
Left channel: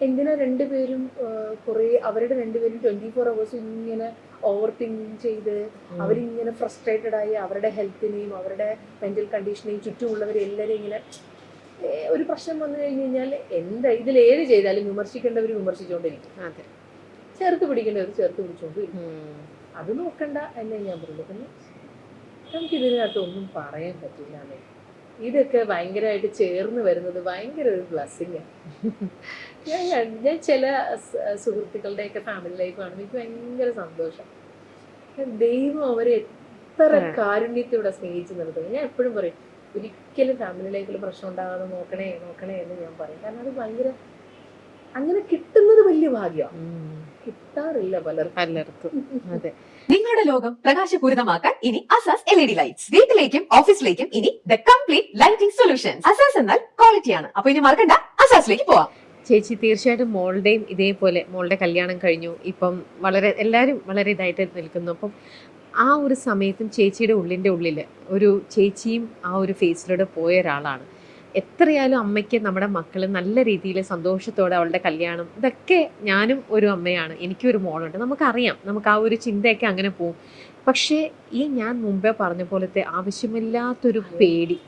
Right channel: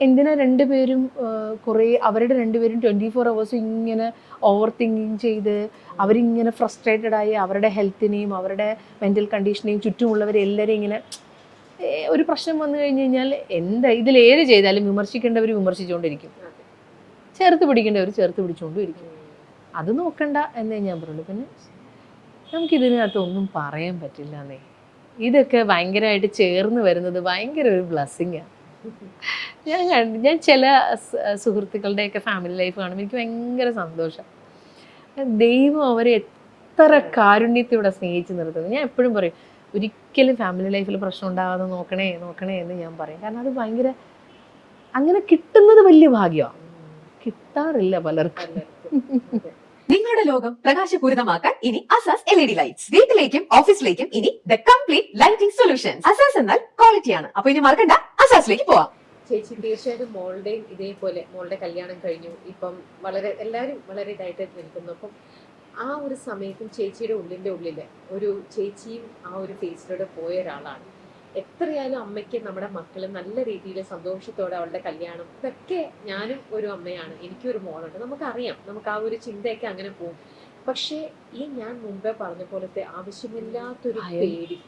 എന്തിനാ രണ്ടുപേരും അവരുടെ രണ്ടുപേരും 24 hours ഇങ്ങനെ ഓവർ തിങ്കിങ് ചെയ്ത് അവരിങ്ങനെ ഫ്രസ്ട്രേറ്റഡ് ആയി അവരുടെ ഹെൽത്തിനെയും അവരുടെ മെൻ്റൽ കണ്ടീഷനെയും ചുറ്റുമുള്ളവരെല്ലാവരും ഇങ്ങനെ ഒരു പ്രശ്നം വന്നു കഴിഞ്ഞ് കഴിഞ്ഞാൽ ഇതിലേത് ചെയ്താലും വിമർശിക്കേണ്ടവർ വിമർശിച്ചുകൊണ്ടിരിക്കും, ചേർത്ത് പിടിക്കേണ്ടവർ ചേർത്ത് പിടിച്ചുകൊണ്ടിരിക്കും. അത് നോക്കണ്ട എന്നേ ഞാൻ പറയുള്ളൂ. പിന്നെ നമുക്കിതിനകത്ത് ഒന്നും പറയാൻ പറ്റില്ല എന്നേ. ഇതൊക്കെ ഭയങ്കരമായിട്ട് ചേർന്ന് വരുന്നത് ഭയങ്കര ഒരു ബ്ലെസ്സിങ്ങാണ്. ഞാൻ ചില സുഹൃത്തുക്കളുടെയൊക്കെ ഫാമിലി ലൈഫ് കാണുമ്പോൾ എനിക്ക് ഭയങ്കര സന്തോഷം. ദൈവം അവരെ എത്ര കാരുണ്യത്തോടെ സ്നേഹിച്ച് നിർത്തുന്നത്. ഞാൻ എപ്പോഴും പറയും, ഒരിക്കലും ഫാമിലി ലൈഫിൽ പ്രശ്നം ഉണ്ടാകാതെ നോക്കണേ നോക്കണേ എന്ന് ഞാൻ പറയും. കാരണം അത് ഭയങ്കര അങ്ങനെ കിട്ടുന്നത് വലിയ ഭാഗ്യമാണ്, കിട്ടാറില്ല പലർക്കും. അതെ. നിങ്ങളുടെ ലോകം പ്രകാശപൂരിതമാക്കാൻ ഇനി അസാസ് LED ലൈറ്റ്സ്. വീട്ടിലേക്കും ഓഫീസിലേക്കും ഇനി the complete lighting solutions. Asas എന്നാൽ ക്വാളിറ്റിയാണ്. അപ്പൊ ഇനി മറക്കണ്ട, അസാസിലേക്ക് പോവാം. ചേച്ചി തീർച്ചയായിട്ടും മോളുടെയും ഇതേപോലെ മോളുടെ കല്യാണം കഴിഞ്ഞു, ഇപ്പം എല്ലാവരും വളരെ ഇതായിട്ട് നിൽക്കുന്നു. അപ്പം ആ ഒരു സമയത്തും ചേച്ചിയുടെ ഉള്ളിൽ ഒരു ചേച്ചിയും ആ ഒരു ഫേസിലൂടെ പോയ ഒരാളാണ്. എത്രയായാലും അമ്മയ്ക്ക് നമ്മുടെ മക്കൾ നല്ല രീതിയിൽ സന്തോഷത്തോടെ അവളുടെ കല്യാണം, ഇതൊക്കെ ഞാനും ഒരു അമ്മയാണ്, എനിക്കൊരു മോളുണ്ട്, നമുക്കറിയാം, നമുക്ക് ആ ഒരു ചിന്തയൊക്കെ അങ്ങനെ പോകും. പക്ഷേ ഈ ഞാൻ മുമ്പേ പറഞ്ഞ പോലത്തെ ആവശ്യമില്ലാത്തൊരു പേടി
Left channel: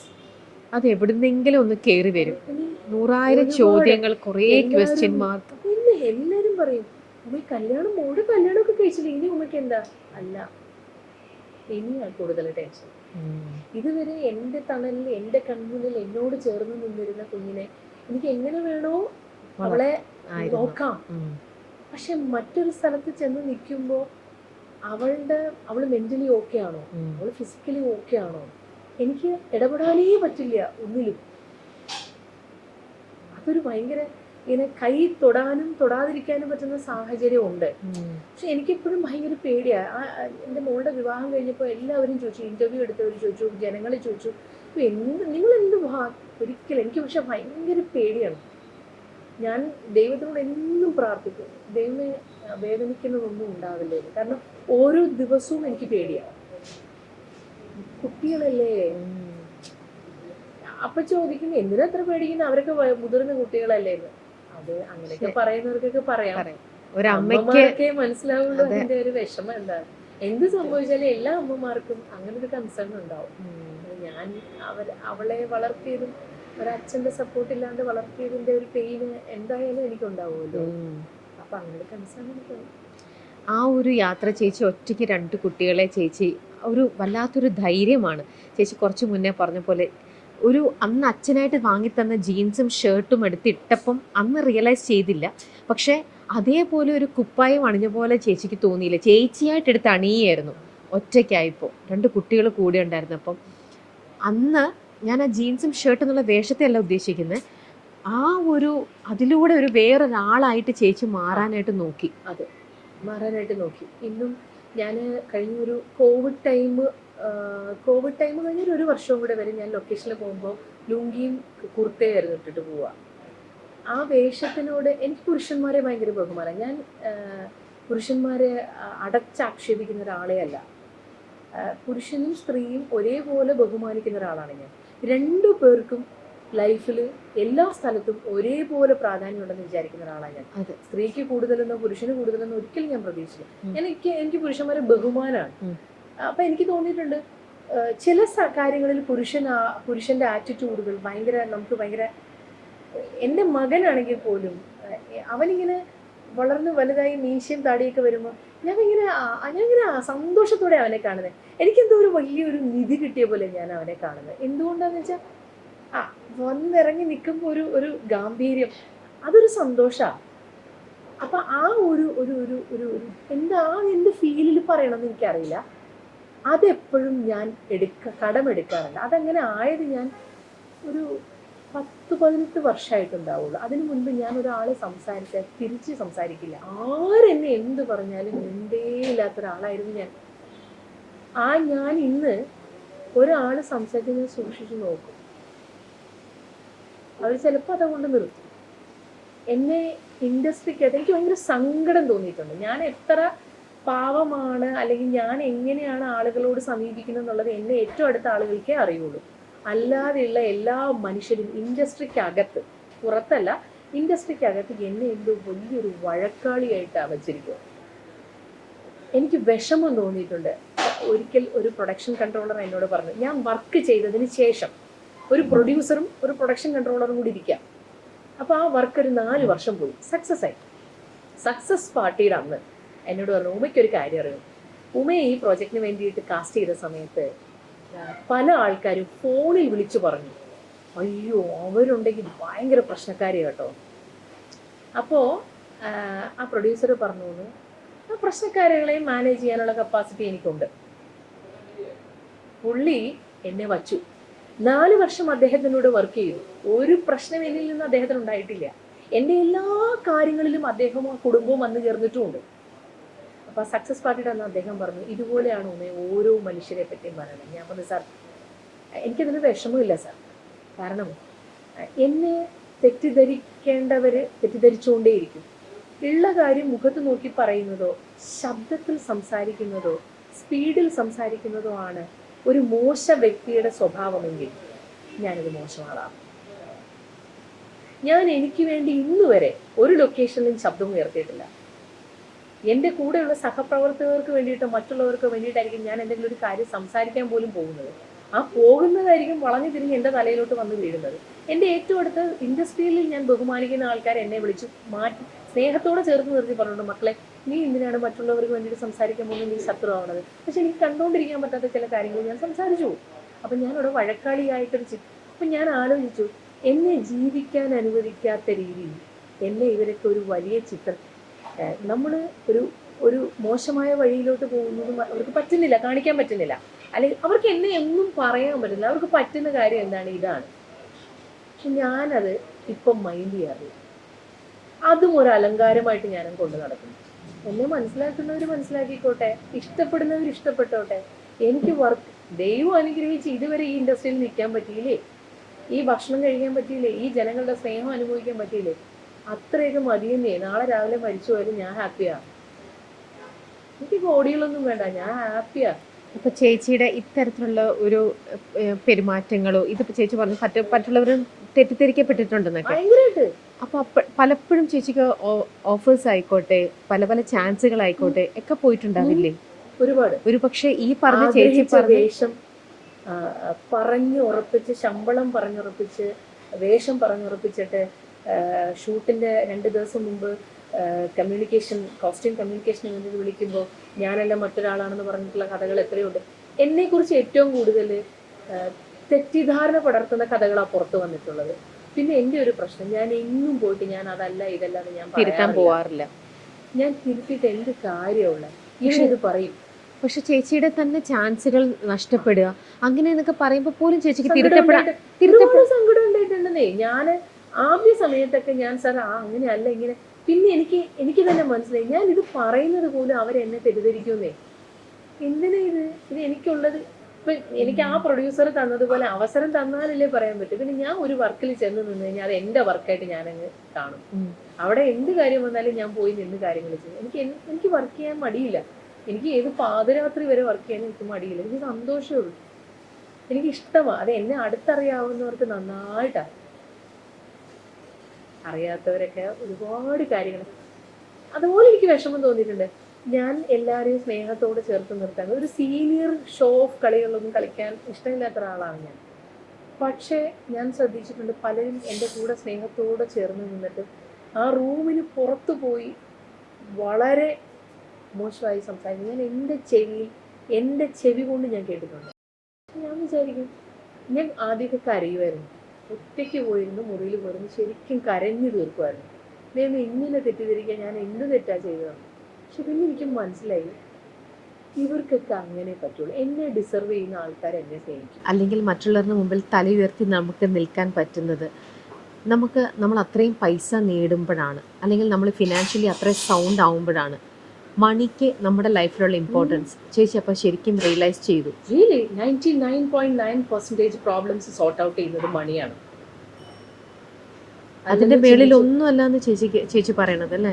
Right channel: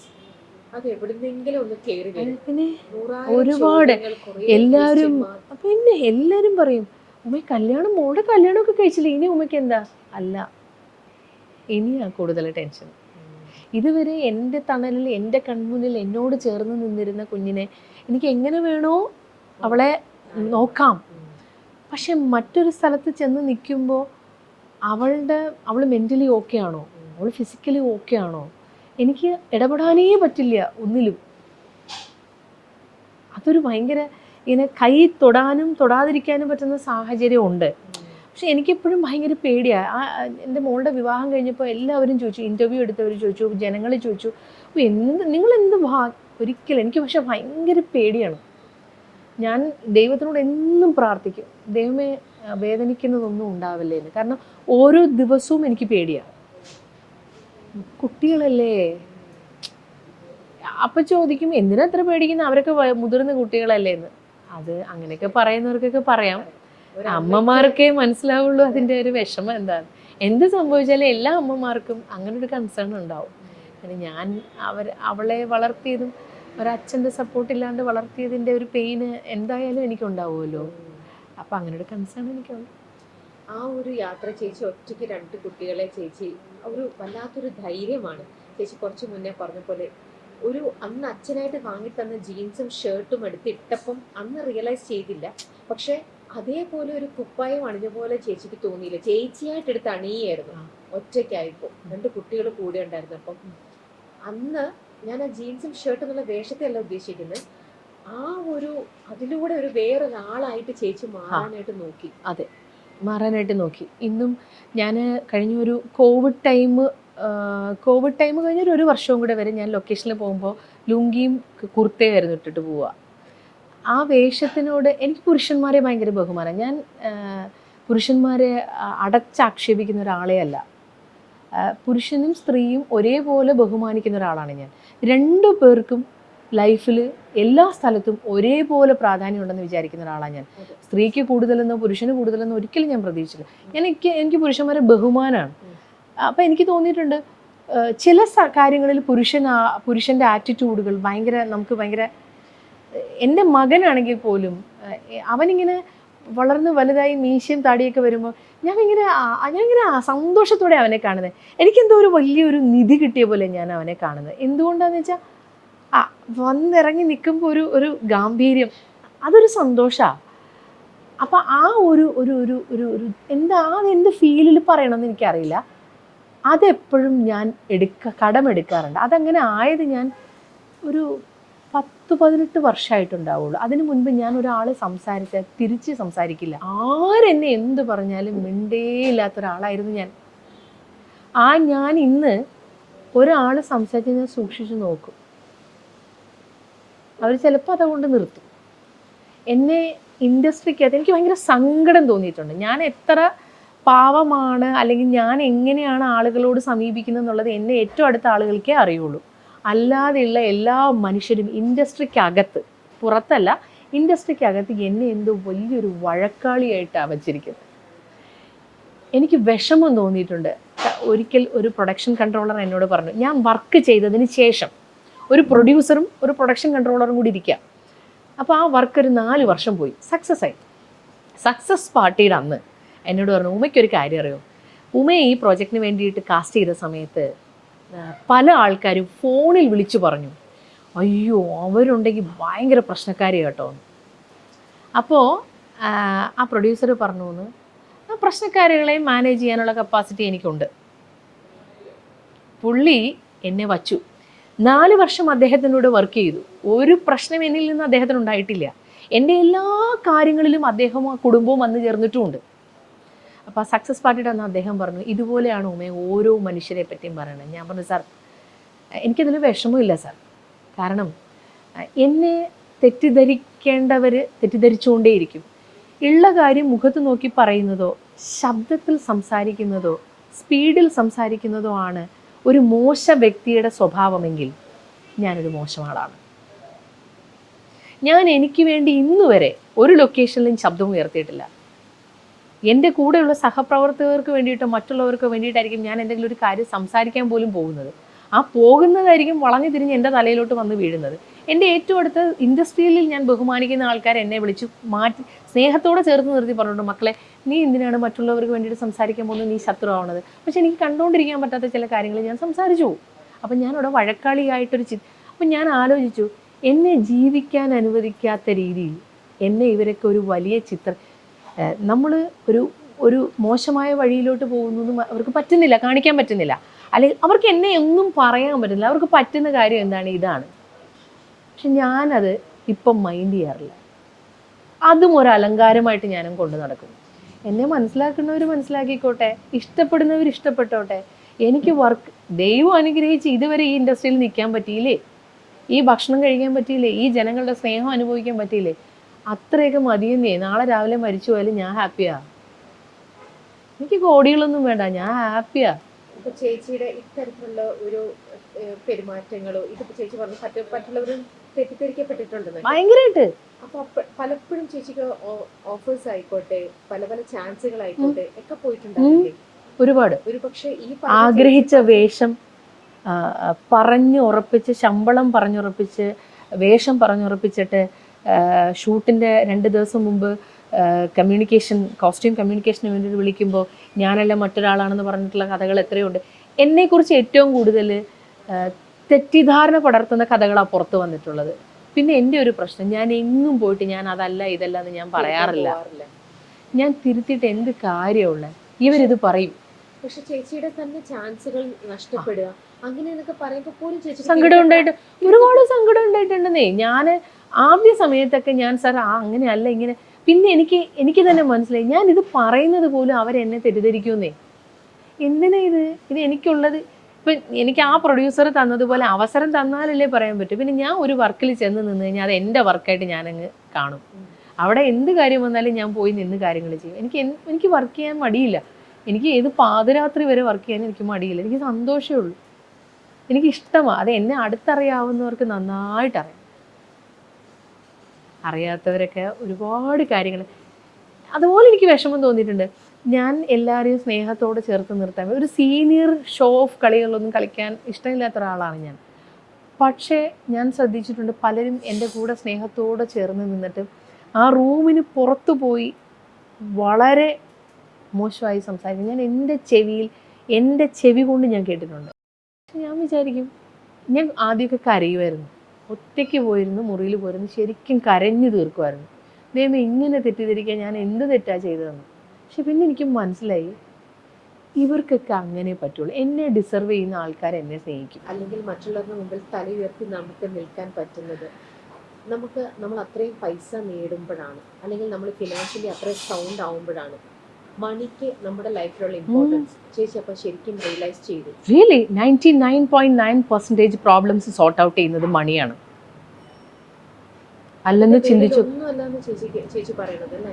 അത് എവിടുന്നെങ്കിലും ഒന്ന് കയറി വരും. പിന്നെ 100,000 ചോദ്യങ്ങൾ, കുറേ question mark. പിന്നെ എല്ലാരും പറയും ഉമ്മ മോളുടെ കല്യാണമൊക്കെ കഴിച്ചില്ല, ഇനി ഉമ്മയ്ക്ക് എന്താ? അല്ല, ഇനിയാ കൂടുതൽ ടെൻഷൻ. ഇതുവരെ എൻ്റെ തണലിൽ എൻ്റെ കൺമുന്നിൽ എന്നോട് ചേർന്ന് നിന്നിരുന്ന കുഞ്ഞിനെ എനിക്ക് എങ്ങനെ വേണോ അവളെ നോക്കാം. പക്ഷെ മറ്റൊരു സ്ഥലത്ത് ചെന്ന് നിൽക്കുമ്പോൾ അവൾ മെൻ്റലി ഓക്കെ ആണോ, അവൾ ഫിസിക്കലി ഓക്കെ ആണോ, എനിക്ക് ഇടപെടാനേ പറ്റില്ല ഒന്നിലും. അതൊരു ഭയങ്കര ഇങ്ങനെ കൈ തൊടാനും തൊടാതിരിക്കാനും പറ്റുന്ന സാഹചര്യം ഉണ്ട്. പക്ഷെ എനിക്കെപ്പോഴും ഭയങ്കര പേടിയാണ്. എൻ്റെ മോളുടെ വിവാഹം കഴിഞ്ഞപ്പോൾ എല്ലാവരും ചോദിച്ചു, ഇൻ്റർവ്യൂ എടുത്തവർ ചോദിച്ചു, ജനങ്ങൾ ചോദിച്ചു, നിങ്ങളെന്ത് ഒരിക്കലും. എനിക്ക് പക്ഷെ ഭയങ്കര പേടിയാണ്. ഞാൻ ദൈവത്തിനോട് എന്നും പ്രാർത്ഥിക്കും, ദൈവമേ വേദനിക്കുന്നതൊന്നും ഉണ്ടാവില്ലേ എന്ന്. കാരണം ഓരോ ദിവസവും എനിക്ക് പേടിയാണ്. കുട്ടികളല്ലേ, അപ്പൊ ചോദിക്കും എന്തിനാ എത്ര പേടിക്കുന്ന, അവരൊക്കെ മുതിർന്ന കുട്ടികളല്ലേ എന്ന്. അത് അങ്ങനെയൊക്കെ പറയുന്നവർക്കൊക്കെ പറയാം, അമ്മമാർക്കേ മനസ്സിലാവുള്ളൂ അതിന്റെ ഒരു വിഷമം എന്താണ്. എന്ത് സംഭവിച്ചാലും എല്ലാ അമ്മമാർക്കും അങ്ങനെ ഒരു കൺസേൺ ഉണ്ടാവും. ഞാൻ അവളെ വളർത്തിയതും ഒരച്ഛൻ്റെ സപ്പോർട്ട് ഇല്ലാണ്ട് വളർത്തിയതിൻ്റെ ഒരു പെയിന് എന്തായാലും എനിക്കുണ്ടാവുമല്ലോ. അപ്പം അങ്ങനെ ഒരു കൺസേൺ എനിക്കുണ്ട്. ആ ഒരു യാത്ര ചേച്ചി ഒറ്റയ്ക്ക് 2 കുട്ടികളെ ചേച്ചി ഒരു വല്ലാത്തൊരു ധൈര്യമാണ്. ചേച്ചി കുറച്ച് മുന്നേ പറഞ്ഞ പോലെ അന്ന് അച്ഛനായിട്ട് വാങ്ങിത്തന്ന ജീൻസും ഷർട്ടും എടുത്തിട്ടപ്പം അന്ന് റിയലൈസ് ചെയ്തില്ല. പക്ഷേ അതേപോലെ ഒരു കുപ്പായം അണിഞ്ഞ പോലെ ചേച്ചിക്ക് തോന്നിയില്ല. ചേച്ചിയായിട്ട് എടുത്ത് അണിയായിരുന്നു ഒറ്റയ്ക്കായിപ്പോൾ, 2 കുട്ടികൾ കൂടെ ഉണ്ടായിരുന്നു. അപ്പം അന്ന് ഞാൻ ആ ജീൻസും ഷർട്ടും എന്നുള്ള വേഷത്തെ അല്ല ഉദ്ദേശിക്കുന്നത്, അതിലൂടെ വേറൊരാളായിട്ട് ചേച്ചി മാറാനായിട്ട് നോക്കി. അതെ, മാറാനായിട്ട് നോക്കി. ഇന്നും ഞാൻ കഴിഞ്ഞൊരു കോവിഡ് ടൈം കഴിഞ്ഞൊരു 1 വർഷവും കൂടെ വരെ ഞാൻ ലൊക്കേഷനിൽ പോകുമ്പോൾ ലുങ്കിയും കുർത്തയായിരുന്നു ഇട്ടിട്ട് പോവുക. ആ വേഷത്തിനോട് എനിക്ക് പുരുഷന്മാരെ ഭയങ്കര ബഹുമാനം. ഞാൻ പുരുഷന്മാരെ അടച്ചാക്ഷേപിക്കുന്ന ഒരാളെ അല്ല. പുരുഷനും സ്ത്രീയും ഒരേപോലെ ബഹുമാനിക്കുന്ന ഒരാളാണ് ഞാൻ. 2 പേർക്കും ലൈഫിൽ എല്ലാ സ്ഥലത്തും ഒരേപോലെ പ്രാധാന്യം ഉണ്ടെന്ന് വിചാരിക്കുന്ന ഒരാളാണ് ഞാൻ. സ്ത്രീക്ക് കൂടുതലെന്നോ പുരുഷന് കൂടുതലെന്നോ ഒരിക്കലും ഞാൻ പ്രതീക്ഷിച്ചില്ല. എനിക്ക് പുരുഷന്മാരെ ബഹുമാനമാണ്. അപ്പം എനിക്ക് തോന്നിയിട്ടുണ്ട് ചില കാര്യങ്ങളിൽ പുരുഷൻ്റെ ആറ്റിറ്റ്യൂഡുകൾ നമുക്ക് ഭയങ്കര. എൻ്റെ മകനാണെങ്കിൽ പോലും അവനിങ്ങനെ വളർന്ന് വലുതായി മീശയും താടിയൊക്കെ വരുമ്പോൾ ഞാൻ ഇങ്ങനെ സന്തോഷത്തോടെ അവനെ കാണുന്നത്. എനിക്കെന്തോ വലിയൊരു നിധി കിട്ടിയ പോലെ ഞാൻ അവനെ കാണുന്നത്. എന്തുകൊണ്ടാന്ന് വെച്ചാൽ വന്നിറങ്ങി നിൽക്കുമ്പോൾ ഒരു ഗാംഭീര്യം, അതൊരു സന്തോഷമാണ്. അപ്പം അതെന്ത് ഫീലിൽ പറയണമെന്ന് എനിക്കറിയില്ല. അതെപ്പോഴും ഞാൻ കടമെടുക്കാറുണ്ട്. അതങ്ങനെ ആയത് ഞാൻ ഒരു 10-18 വർഷമായിട്ടുണ്ടാവുള്ളൂ. അതിനു മുൻപ് ഞാൻ ഒരാൾ സംസാരിച്ചാൽ തിരിച്ച് സംസാരിക്കില്ല. ആരെന്നെ എന്ത് പറഞ്ഞാലും മിണ്ടേയില്ലാത്ത ഒരാളായിരുന്നു ഞാൻ. ഞാൻ ഇന്ന് ഒരാൾ സംസാരിച്ച് ഞാൻ സൂക്ഷിച്ചു നോക്കും. അവർ ചിലപ്പോൾ അതുകൊണ്ട് നിർത്തും. എന്നെ ഇൻഡസ്ട്രിക്കകത്ത് എനിക്ക് ഭയങ്കര സങ്കടം തോന്നിയിട്ടുണ്ട്. ഞാൻ എത്ര പാവമാണ് അല്ലെങ്കിൽ ഞാൻ എങ്ങനെയാണ് ആളുകളോട് സമീപിക്കുന്നത് എന്നുള്ളത് എന്നെ ഏറ്റവും അടുത്ത ആളുകൾക്കേ അറിയുള്ളൂ. അല്ലാതെയുള്ള എല്ലാ മനുഷ്യരും ഇൻഡസ്ട്രിക്കകത്ത്, പുറത്തല്ല, ഇൻഡസ്ട്രിക്കകത്ത് എന്നെ എന്തോ വലിയൊരു വഴക്കാളിയായിട്ടാണ് വച്ചിരിക്കുന്നത്. എനിക്ക് വിഷമം തോന്നിയിട്ടുണ്ട്. ഒരിക്കൽ ഒരു പ്രൊഡക്ഷൻ കൺട്രോളർ എന്നോട് പറഞ്ഞു, ഞാൻ വർക്ക് ചെയ്തതിന് ശേഷം ഒരു പ്രൊഡ്യൂസറും ഒരു പ്രൊഡക്ഷൻ കൺട്രോളറും കൂടി ഇരിക്കുക. അപ്പോൾ ആ വർക്ക് ഒരു 4 വർഷം പോയി, സക്സസ് പാർട്ടിയുടെ അന്ന് എന്നോട് പറഞ്ഞു, ഉമ്മയ്ക്കൊരു കാര്യം അറിയോ, ഉമ്മയെ ഈ പ്രോജക്റ്റിന് വേണ്ടിയിട്ട് കാസ്റ്റ് ചെയ്ത സമയത്ത് പല ആൾക്കാരും ഫോണിൽ വിളിച്ചു പറഞ്ഞു, അയ്യോ അവരുണ്ടെങ്കിൽ ഭയങ്കര പ്രശ്നക്കാരി കേട്ടോ. അപ്പോൾ ആ പ്രൊഡ്യൂസർ പറഞ്ഞു, ആ പ്രശ്നക്കാരികളെ മാനേജ് ചെയ്യാനുള്ള കപ്പാസിറ്റി എനിക്കുണ്ട്. പുള്ളി എന്നെ വച്ചു. 4 വർഷം അദ്ദേഹത്തിനോട് വർക്ക് ചെയ്തു. ഒരു പ്രശ്നം എന്നിൽ നിന്ന് അദ്ദേഹത്തിന് ഉണ്ടായിട്ടില്ല. എൻ്റെ എല്ലാ കാര്യങ്ങളിലും അദ്ദേഹവും ആ കുടുംബവും വന്നു ചേർന്നിട്ടുമുണ്ട്. അപ്പോൾ ആ സക്സസ് പാർട്ടിയുടെ അന്ന് അദ്ദേഹം പറഞ്ഞു, ഇതുപോലെയാണ് ഉമ്മ ഓരോ മനുഷ്യരെ പറ്റിയും പറയണത്. ഞാൻ പറഞ്ഞു, സാർ എനിക്കതിന് വിഷമമില്ല സാർ. കാരണം എന്നെ തെറ്റിദ്ധരിക്കേണ്ടവർ തെറ്റിദ്ധരിച്ചുകൊണ്ടേയിരിക്കും. ഉള്ള കാര്യം മുഖത്ത് നോക്കി പറയുന്നതോ ശബ്ദത്തിൽ സംസാരിക്കുന്നതോ സ്പീഡിൽ സംസാരിക്കുന്നതോ ആണ് ഒരു മോശ വ്യക്തിയുടെ സ്വഭാവമെങ്കിൽ ഞാനത് മോശം ആളാണ്. ഞാൻ എനിക്ക് വേണ്ടി ഇന്നുവരെ ഒരു ലൊക്കേഷനിലും ശബ്ദം ഉയർത്തിയിട്ടില്ല. എൻ്റെ കൂടെയുള്ള സഹപ്രവർത്തകർക്ക് വേണ്ടിയിട്ട് മറ്റുള്ളവർക്ക് വേണ്ടിയിട്ടായിരിക്കും ഞാൻ എന്തെങ്കിലും ഒരു കാര്യം സംസാരിക്കാൻ പോലും പോകുന്നത്. ആ പോകുന്നതായിരിക്കും വളഞ്ഞു തിരിഞ്ഞ് എൻ്റെ തലയിലോട്ട് വന്ന് വീഴുന്നത്. എൻ്റെ ഏറ്റവും അടുത്ത ഇൻഡസ്ട്രിയിൽ ഞാൻ ബഹുമാനിക്കുന്ന ആൾക്കാർ എന്നെ വിളിച്ചു മാറ്റി സ്നേഹത്തോടെ ചേർത്ത് നിർത്തി പറഞ്ഞിട്ടുണ്ട്, മക്കളെ നീ എന്തിനാണ് മറ്റുള്ളവർക്ക് വേണ്ടിയിട്ട് സംസാരിക്കാൻ പോകുന്നത്, നീ ശത്രുവാവുന്നത്. പക്ഷെ എനിക്ക് കണ്ടുകൊണ്ടിരിക്കാൻ പറ്റാത്ത ചില കാര്യങ്ങൾ ഞാൻ സംസാരിച്ചു പോകും. അപ്പം ഞാനിവിടെ വഴക്കാളിയായിട്ടൊരു അപ്പം ഞാൻ ആലോചിച്ചു, എന്നെ ജീവിക്കാൻ അനുവദിക്കാത്ത രീതിയിൽ എന്നെ ഇവരൊക്കെ ഒരു വലിയ നമ്മൾ ഒരു മോശമായ വഴിയിലോട്ട് പോകുന്നതും അവർക്ക് പറ്റുന്നില്ല, കാണിക്കാൻ പറ്റുന്നില്ല. അല്ലെങ്കിൽ അവർക്ക് എന്നെ ഒന്നും പറയാൻ പറ്റുന്നില്ല. അവർക്ക് പറ്റുന്ന കാര്യം എന്താണ്, ഇതാണ്. പക്ഷെ ഞാനത് ഇപ്പം മൈൻഡ് ചെയ്യാറില്ല. അതും ഒരു അലങ്കാരമായിട്ട് ഞാനും കൊണ്ടു നടക്കുന്നു. എന്നെ മനസ്സിലാക്കുന്നവർ മനസ്സിലാക്കിക്കോട്ടെ, ഇഷ്ടപ്പെടുന്നവർ ഇഷ്ടപ്പെട്ടോട്ടെ. എനിക്ക് വർക്ക് ദൈവം അനുഗ്രഹിച്ച് ഇതുവരെ ഈ ഇൻഡസ്ട്രിയിൽ നിൽക്കാൻ പറ്റിയില്ലേ, ഈ ഭക്ഷണം കഴിക്കാൻ പറ്റിയില്ലേ, ഈ ജനങ്ങളുടെ സ്നേഹം അനുഭവിക്കാൻ പറ്റിയില്ലേ, അത്രയൊക്കെ മതിയെന്നേ. നാളെ രാവിലെ മരിച്ചു പോയാലും ഞാൻ ഹാപ്പിയാണ്. എനിക്ക് കോടികളൊന്നും വേണ്ട, ഞാൻ ഹാപ്പിയാണ്. ഇപ്പൊ ചേച്ചിയുടെ ഇത്തരത്തിലുള്ള ഒരു പെരുമാറ്റങ്ങളോ ഇതിപ്പോ ചേച്ചി പറഞ്ഞു മറ്റുള്ളവർ തെറ്റിദ്ധരിക്കപ്പെട്ടിട്ടുണ്ടെന്ന് ഭയങ്കരമായിട്ട്. അപ്പൊ പലപ്പോഴും ചേച്ചിക്ക് ഓഫേഴ്സ് ആയിക്കോട്ടെ പല ചാൻസുകളായിക്കോട്ടെ ഒക്കെ പോയിട്ടുണ്ടാവില്ലേ? ഒരുപാട്. ഒരു പക്ഷെ ഈ ആഗ്രഹിച്ച വേഷം പറഞ്ഞുറപ്പിച്ച്, ശമ്പളം പറഞ്ഞുറപ്പിച്ച്, വേഷം പറഞ്ഞുറപ്പിച്ചിട്ട് ഷൂട്ടിന്റെ 2 ദിവസം മുമ്പ് കോസ്റ്റ്യൂം കമ്മ്യൂണിക്കേഷന് വേണ്ടി വിളിക്കുമ്പോൾ ഞാനല്ല മറ്റൊരാളാണെന്ന് പറഞ്ഞിട്ടുള്ള കഥകൾ എത്രയുണ്ട്. എന്നെക്കുറിച്ച് ഏറ്റവും കൂടുതൽ തെറ്റിദ്ധാരണ പടർത്തുന്ന കഥകളാണ് പുറത്ത് വന്നിട്ടുള്ളത്. പിന്നെ എൻ്റെ ഒരു പ്രശ്നം, ഞാൻ എങ്ങും പോയിട്ട് ഞാൻ അതല്ല ഇതല്ല എന്ന് ഞാൻ പോവാറില്ല. ഞാൻ തിരുത്തിയിട്ട് എന്ത് കാര്യമുള്ള ഇവരിത് പറയും. പക്ഷെ ചേച്ചിയുടെ തന്നെ ചാൻസുകൾ നഷ്ടപ്പെടുക അങ്ങനെ എന്നൊക്കെ പറയുമ്പോൾ പോലും ചേച്ചിക്ക് ഒരുപാട് സങ്കടം ഉണ്ടായിട്ടുണ്ടെന്നേ. ഞാൻ ആദ്യ സമയത്തൊക്കെ ഞാൻ സാർ അങ്ങനെയല്ല ഇങ്ങനെ, പിന്നെ എനിക്ക് തന്നെ മനസ്സിലായി ഞാൻ ഇത് പറയുന്നത് പോലും അവരെന്നെ തെറ്റിദ്ധരിക്കുമെന്നേ. എന്തിനാ ഇത് എനിക്കുള്ളത്. ഇപ്പം എനിക്ക് ആ പ്രൊഡ്യൂസർ തന്നതുപോലെ അവസരം തന്നാലല്ലേ പറയാൻ പറ്റും. പിന്നെ ഞാൻ ഒരു വർക്കിൽ ചെന്ന് നിന്ന് കഴിഞ്ഞാൽ അത് എൻ്റെ വർക്കായിട്ട് ഞാനങ്ങ് കാണും. അവിടെ എന്ത് കാര്യം വന്നാലും ഞാൻ പോയി നിന്ന് കാര്യങ്ങൾ ചെയ്യും. എനിക്ക് വർക്ക് ചെയ്യാൻ മടിയില്ല. എനിക്ക് ഏത് പാതിരാത്രി വരെ വർക്ക് ചെയ്യാൻ എനിക്ക് മടിയില്ല. എനിക്ക് സന്തോഷമേ ഉള്ളൂ. എനിക്കിഷ്ടമാണ്. അത് എന്നെ അടുത്തറിയാവുന്നവർക്ക് നന്നായിട്ടറിയാം. അറിയാത്തവരൊക്കെ ഒരുപാട് കാര്യങ്ങൾ അതുപോലെ എനിക്ക് വിഷമം തോന്നിയിട്ടുണ്ട്. ഞാൻ എല്ലാവരെയും സ്നേഹത്തോടെ ചേർത്ത് നിർത്താൻ ഒരു സീനിയർ ഷോ ഓഫ് കളികളൊന്നും കളിക്കാൻ ഇഷ്ടമില്ലാത്ത ഒരാളാണ് ഞാൻ. പക്ഷേ ഞാൻ ശ്രദ്ധിച്ചിട്ടുണ്ട് പലരും എൻ്റെ കൂടെ സ്നേഹത്തോടെ ചേർന്ന് നിന്നിട്ട് ആ റൂമിന് പുറത്തു പോയി വളരെ മോശമായി സംസാരിക്കും. ഞാൻ എൻ്റെ ചെവി കൊണ്ട് ഞാൻ കേട്ടിട്ടുണ്ട്. ഞാൻ വിചാരിക്കും, ഞാൻ ആദ്യമൊക്കെ കരയുമായിരുന്നു. ഒറ്റയ്ക്ക് പോയിരുന്നു, മുറിയിൽ പോയിരുന്നു, ശരിക്കും കരഞ്ഞു തീർക്കുമായിരുന്നു. ദൈവമേ ഇങ്ങനെ തെറ്റിദ്ധരിക്കാൻ ഞാൻ എന്ത് തെറ്റാ ചെയ്തതെന്ന്. പക്ഷെ പിന്നെ എനിക്ക് മനസ്സിലായി ഇവർക്കൊക്കെ അങ്ങനെ പറ്റുള്ളൂ. എന്നെ ഡിസർവ് ചെയ്യുന്ന ആൾക്കാർ എന്നെ സ്നേഹിക്കും. അല്ലെങ്കിൽ മറ്റുള്ളവരുടെ മുമ്പിൽ തല ഉയർത്തി നമുക്ക് നിൽക്കാൻ പറ്റുന്നത് നമ്മൾ അത്രയും പൈസ നേടുമ്പോഴാണ്, അല്ലെങ്കിൽ നമ്മൾ ഫിനാൻഷ്യലി അത്രയും സൗണ്ട് ആവുമ്പോഴാണ്. മണിക്ക് നമ്മുടെ ലൈഫിലുള്ള ഇമ്പോർട്ടൻസ് ചേച്ചി അപ്പോൾ ശരിക്കും റിയലൈസ് ചെയ്തു. റിയലി 99.9% പ്രോബ്ലംസ് സോർട്ട് ഔട്ട് ചെയ്യുന്നത് മണിയാണ്. അതിന്റെ മേളിൽ ഒന്നും അല്ലാന്ന് ചേച്ചി പറയണത് അല്ലേ?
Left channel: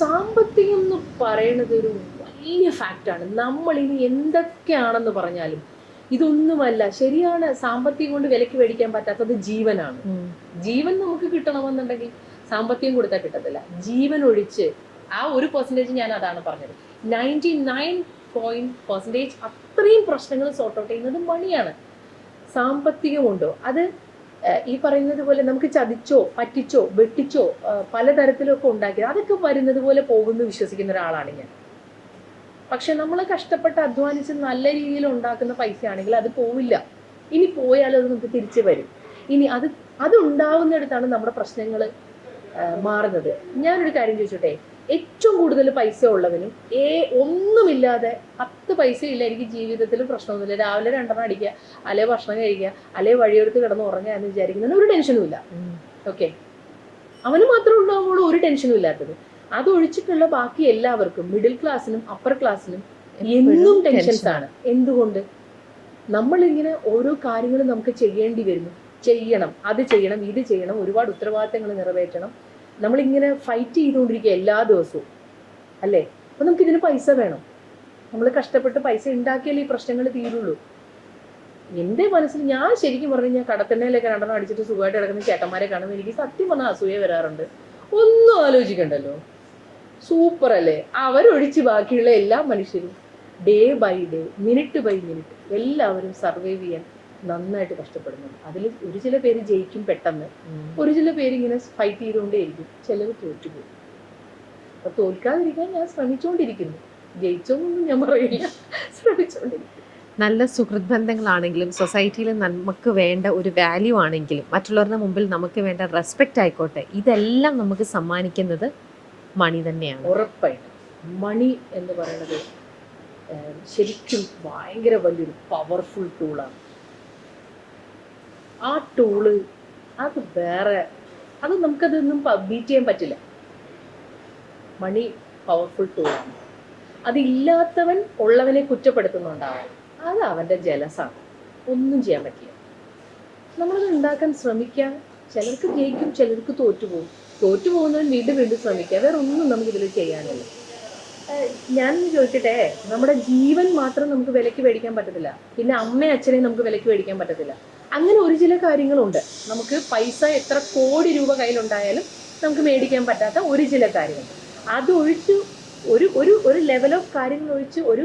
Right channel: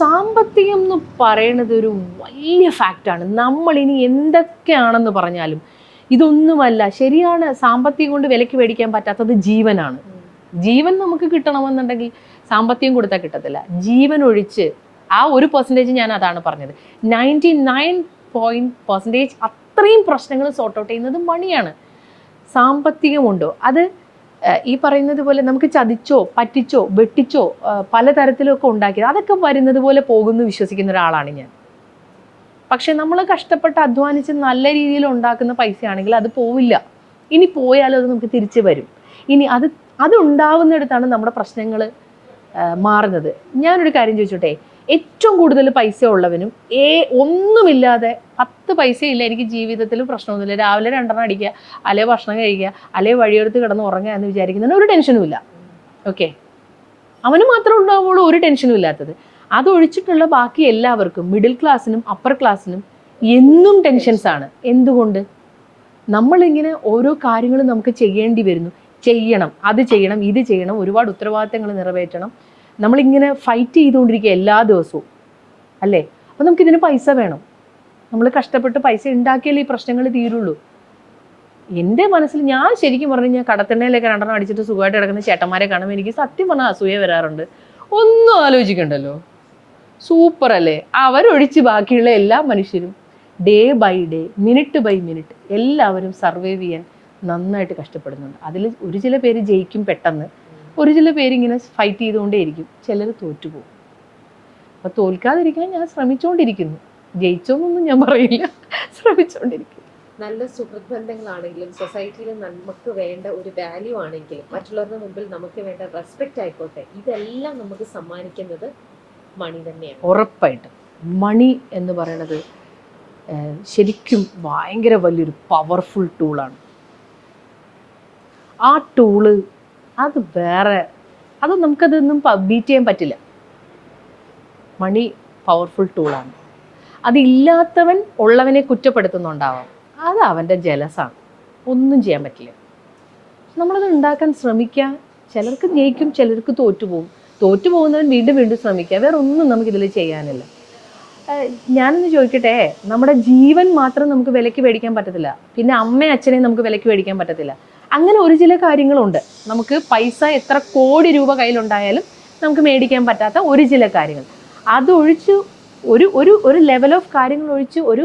സാമ്പത്തികം എന്ന് പറയണത് ഒരു വലിയ ഫാക്റ്റാണ്. നമ്മൾ ഇനി എന്തൊക്കെയാണെന്ന് പറഞ്ഞാലും ഇതൊന്നുമല്ല. ശരിയാണ്, സാമ്പത്തികം കൊണ്ട് വിലക്ക് മേടിക്കാൻ പറ്റാത്തത് ജീവനാണ്. ജീവൻ നമുക്ക് കിട്ടണമെന്നുണ്ടെങ്കിൽ സാമ്പത്തികം കൊടുത്താൽ കിട്ടത്തില്ല. ജീവൻ ഒഴിച്ച് ആ 1% ഞാൻ അതാണ് പറഞ്ഞത്. 99% അത്രയും പ്രശ്നങ്ങൾ സോർട്ട് ഔട്ട് ചെയ്യുന്നത് മണിയാണ്. സാമ്പത്തികമുണ്ടോ അത് ഈ പറയുന്നത് പോലെ നമുക്ക് ചതിച്ചോ പറ്റിച്ചോ വെട്ടിച്ചോ പലതരത്തിലൊക്കെ ഉണ്ടാക്കിയത് അതൊക്കെ വരുന്നത് പോലെ പോകുന്നു വിശ്വസിക്കുന്ന ഒരാളാണ് ഞാൻ. പക്ഷെ നമ്മൾ കഷ്ടപ്പെട്ട് അധ്വാനിച്ച് നല്ല രീതിയിൽ ഉണ്ടാക്കുന്ന പൈസയാണെങ്കിൽ അത് പോവില്ല. ഇനി പോയാലും അത് നമുക്ക് തിരിച്ചു വരും. ഇനി അത് ഉണ്ടാവുന്നിടത്താണ് നമ്മുടെ പ്രശ്നങ്ങൾ മാറുന്നത്. ഞാനൊരു കാര്യം ചോദിച്ചോട്ടെ, ഏറ്റവും കൂടുതൽ പൈസ ഉള്ളവനും ഒന്നുമില്ലാതെ 10 പൈസയില്ല, എനിക്ക് ജീവിതത്തിൽ പ്രശ്നമൊന്നുമില്ല, രാവിലെ 2 അടിക്കുക, അല്ലെ ഭക്ഷണം കഴിക്കുക, അല്ലെ വഴിയെടുത്ത് കിടന്ന് ഉറങ്ങുക എന്ന് വിചാരിക്കുന്നതിന് ഒരു ടെൻഷനും ഇല്ല. ഓക്കെ, അവന് മാത്രമേ ഉണ്ടാവുള്ളൂ ഒരു ടെൻഷനും ഇല്ലാത്തത്. അതൊഴിച്ചിട്ടുള്ള ബാക്കി എല്ലാവർക്കും, മിഡിൽ ക്ലാസ്സിനും അപ്പർ ക്ലാസ്സിനും എന്നും ടെൻഷൻസ് ആണ്. എന്തുകൊണ്ട്? നമ്മളിങ്ങനെ ഓരോ കാര്യങ്ങളും നമുക്ക് ചെയ്യേണ്ടി വരുന്നു. ചെയ്യണം, അത് ചെയ്യണം, ഇത് ചെയ്യണം, ഒരുപാട് ഉത്തരവാദിത്തങ്ങൾ നിറവേറ്റണം. നമ്മളിങ്ങനെ ഫൈറ്റ് ചെയ്തുകൊണ്ടിരിക്കുക എല്ലാ ദിവസവും, അല്ലേ? അപ്പം നമുക്കിതിന് പൈസ വേണം. നമ്മൾ കഷ്ടപ്പെട്ട് പൈസ ഉണ്ടാക്കിയാലേ ഈ പ്രശ്നങ്ങൾ തീരുള്ളൂ. എൻ്റെ മനസ്സിൽ ഞാൻ ശരിക്കും പറഞ്ഞു കഴിഞ്ഞാൽ കടത്തെണ്ണയിലൊക്കെ 2 അടിച്ചിട്ട് സുഖമായിട്ട് കിടക്കുന്ന ചേട്ടന്മാരെ കാണുമ്പോൾ എനിക്ക് സത്യം പറഞ്ഞാൽ അസൂയ വരാറുണ്ട്. ഒന്നും ആലോചിക്കണ്ടല്ലോ, സൂപ്പർ അല്ലേ? അവരൊഴിച്ച് ബാക്കിയുള്ള എല്ലാ മനുഷ്യരും day by day, minute by minute എല്ലാവരും സർവൈവ് ചെയ്യാൻ നന്നായിട്ട് കഷ്ടപ്പെടുന്നുണ്ട്. അതിൽ ഒരു ചില പേര് ജയിക്കും പെട്ടെന്ന്, ഒരു ചില പേര് ഇങ്ങനെ ഫൈറ്റ് ചെയ്തുകൊണ്ടേയിരിക്കും, ചിലർ തോറ്റുപോകും. അപ്പം തോൽക്കാതിരിക്കാൻ ഞാൻ ശ്രമിച്ചുകൊണ്ടിരിക്കുന്നു. ജയിച്ചോന്നൊന്നും ഞാൻ പറയില്ല, ശ്രമിച്ചുകൊണ്ടിരിക്കുന്നു. നല്ല സുഹൃത്ത് ബന്ധങ്ങളാണെങ്കിലും സൊസൈറ്റിയിൽ നമുക്ക് വേണ്ട ഒരു വാല്യൂ ആണെങ്കിലും മറ്റുള്ളവരുടെ മുമ്പിൽ നമുക്ക് വേണ്ട റെസ്പെക്റ്റ് ആയിക്കോട്ടെ, ഇതെല്ലാം നമുക്ക് സമ്മാനിക്കുന്നത് മണി തന്നെയാണ്. ഉറപ്പായിട്ടും മണി എന്ന് പറയുന്നത് ശരിക്കും ഭയങ്കര വലിയൊരു പവർഫുൾ ടൂളാണ്. ആ ടൂള് അത് വേറെ, അത് നമുക്കതൊന്നും ബീറ്റ് ചെയ്യാൻ പറ്റില്ല. മണി പവർഫുൾ ടൂളാണ്. അതില്ലാത്തവൻ ഉള്ളവനെ കുറ്റപ്പെടുത്തുന്നുണ്ടാവാം, അത് അവൻ്റെ ജലസാണ്, ഒന്നും ചെയ്യാൻ പറ്റില്ല. നമ്മളത് ഉണ്ടാക്കാൻ ശ്രമിക്കുക. ചിലർക്ക് ജയിക്കും, ചിലർക്ക് തോറ്റുപോകും. തോറ്റുപോകുന്നവൻ വീണ്ടും വീണ്ടും ശ്രമിക്കുക. വേറെ ഒന്നും നമുക്കിതിൽ ചെയ്യാനില്ല. ഞാനൊന്ന് ചോദിക്കട്ടെ, നമ്മുടെ ജീവൻ മാത്രം നമുക്ക് വിലയ്ക്ക് മേടിക്കാൻ പറ്റത്തില്ല, പിന്നെ അമ്മയും അച്ഛനെയും നമുക്ക് വിലയ്ക്ക് മേടിക്കാൻ പറ്റത്തില്ല. അങ്ങനെ ഒരു ചില കാര്യങ്ങളുണ്ട്. നമുക്ക് പൈസ എത്ര കോടി രൂപ കയ്യിലുണ്ടായാലും നമുക്ക് മേടിക്കാൻ പറ്റാത്ത ഒരു ചില കാര്യങ്ങൾ. അതൊഴിച്ച് ഒരു ലെവൽ ഓഫ് കാര്യങ്ങൾ ഒഴിച്ച് ഒരു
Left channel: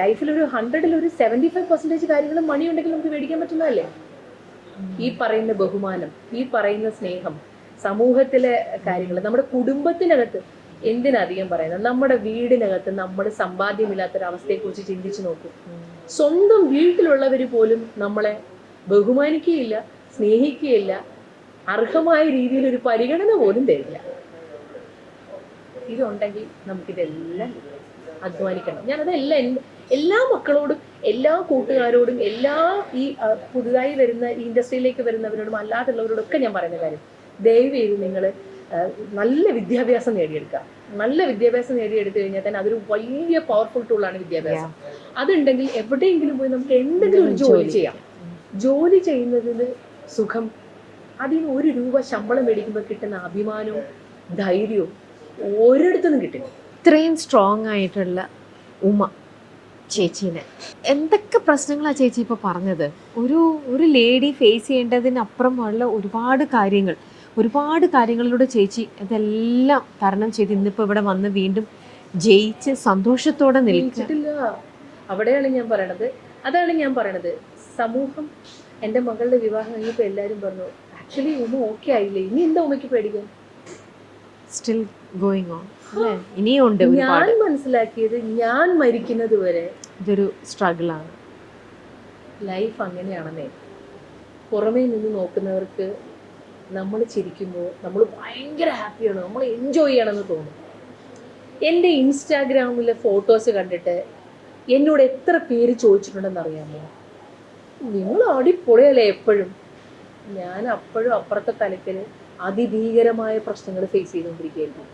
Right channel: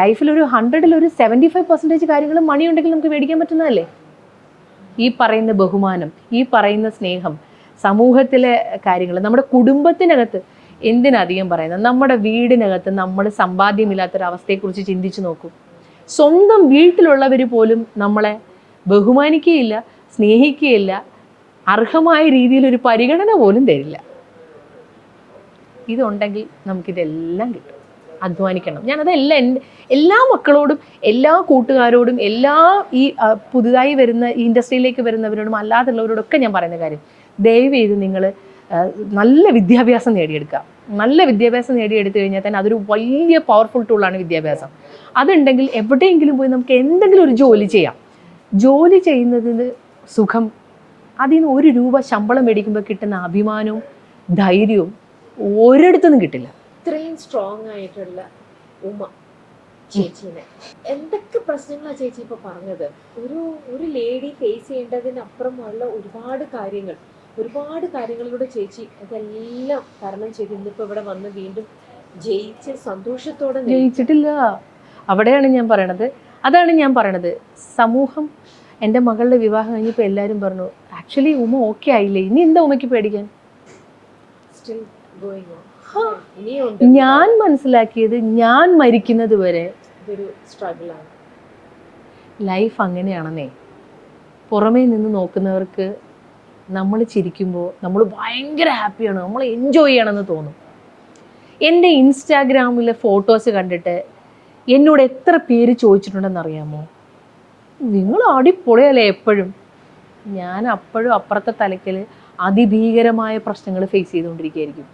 ലൈഫിൽ ഒരു 100-ൽ ഒരു 75% കാര്യങ്ങൾ മണി ഉണ്ടെങ്കിൽ നമുക്ക് മേടിക്കാൻ പറ്റുന്നതല്ലേ? ഈ പറയുന്ന ബഹുമാനം, ഈ പറയുന്ന സ്നേഹം, സമൂഹത്തിലെ കാര്യങ്ങൾ, നമ്മുടെ കുടുംബത്തിനകത്ത്, എന്തിനധികം പറയുന്നത്, നമ്മുടെ വീടിനകത്ത് നമ്മൾ സമ്പാദ്യമില്ലാത്തൊരവസ്ഥയെക്കുറിച്ച് ചിന്തിച്ചു നോക്കൂ. സ്വന്തം വീട്ടിലുള്ളവർ പോലും നമ്മളെ ബഹുമാനിക്കുകയില്ല, സ്നേഹിക്കുകയില്ല, അർഹമായ രീതിയിൽ ഒരു പരിഗണന പോലും തരില്ല. ഇതുണ്ടെങ്കിൽ നമുക്കിതെല്ലാം കിട്ടും. അധ്വാനിക്കണം. ഞാനതെല്ലാം എല്ലാ മക്കളോടും, എല്ലാ കൂട്ടുകാരോടും, എല്ലാ ഈ പുതുതായി വരുന്ന ഈ ഇൻഡസ്ട്രിയിലേക്ക് വരുന്നവരോടും അല്ലാതുള്ളവരോടൊക്കെ ഞാൻ പറയുന്ന കാര്യം, ദയവ് ചെയ്ത് നിങ്ങൾ നല്ല വിദ്യാഭ്യാസം നേടിയെടുക്കുക. നല്ല വിദ്യാഭ്യാസം നേടിയെടുത്തു കഴിഞ്ഞാൽ തന്നെ അതൊരു വലിയ പവർഫുൾ ടൂളാണ് വിദ്യാഭ്യാസം. അതുണ്ടെങ്കിൽ എവിടെയെങ്കിലും പോയി നമുക്ക് എന്തെങ്കിലും ഒരു ജോലി ചെയ്യാം. ജോലി ചെയ്യുന്നതിന് സുഖം, അതിന് 1 രൂപ ശമ്പളം മേടിക്കുമ്പോൾ കിട്ടുന്ന അഭിമാനവും ധൈര്യവും ഒരിടത്തുനിന്നും കിട്ടില്ല. ഇത്രയും സ്ട്രോങ് ആയിട്ടുള്ള ഉമ്മ ചേച്ചീനെ എന്തൊക്കെ പ്രശ്നങ്ങളാണ് ചേച്ചി ഇപ്പോൾ പറഞ്ഞത്? ഒരു ലേഡി ഫേസ് ചെയ്യേണ്ടതിനപ്പുറമുള്ള ഒരുപാട് കാര്യങ്ങളിലൂടെ ചേച്ചി ഇതെല്ലാം തരണം ചെയ്ത് ഇന്നിപ്പോൾ ഇവിടെ വന്ന് വീണ്ടും ജയിച്ച് സന്തോഷത്തോടെ ജയിച്ചിട്ടില്ല. അവിടെയാണ് ഞാൻ പറയണത്. അതാണ് ഞാൻ പറയണത്. സമൂഹം, എൻ്റെ മകളുടെ വിവാഹം കഴിഞ്ഞപ്പോൾ എല്ലാവരും പറഞ്ഞു, ആക്ച്വലി ഉമ്മ ഓക്കെ ആയില്ലേ, ഇനി എന്താ ഉമ്മയ്ക്ക് പേടിക്കാൻ? Still going on. ഇനിയുണ്ട്. ഞാൻ മനസ്സിലാക്കിയത്, ഞാൻ മരിക്കുന്നത് വരെ ഇതൊരു സ്ട്രഗിളാണ്. ലൈഫ് അങ്ങനെയാണെന്നേ. പുറമേ നിന്ന് നോക്കുന്നവർക്ക് നമ്മൾ ചിരിക്കുമ്പോൾ നമ്മൾ ഭയങ്കര ഹാപ്പിയാണ്, നമ്മൾ എൻജോയ് ചെയ്യണമെന്ന് തോന്നും. എൻ്റെ ഇൻസ്റ്റാഗ്രാമിലെ ഫോട്ടോസ് കണ്ടിട്ട് എന്നോട് എത്ര പേര് ചോദിച്ചിട്ടുണ്ടെന്ന് അറിയാമോ, നിങ്ങൾ അടിപൊളിയല്ലേ എപ്പോഴും? ഞാൻ അപ്പോഴും അപ്പുറത്തെ തലയ്ക്കൽ അതിഭീകരമായ പ്രശ്നങ്ങൾ ഫേസ് ചെയ്തുകൊണ്ടിരിക്കുകയായിരിക്കും.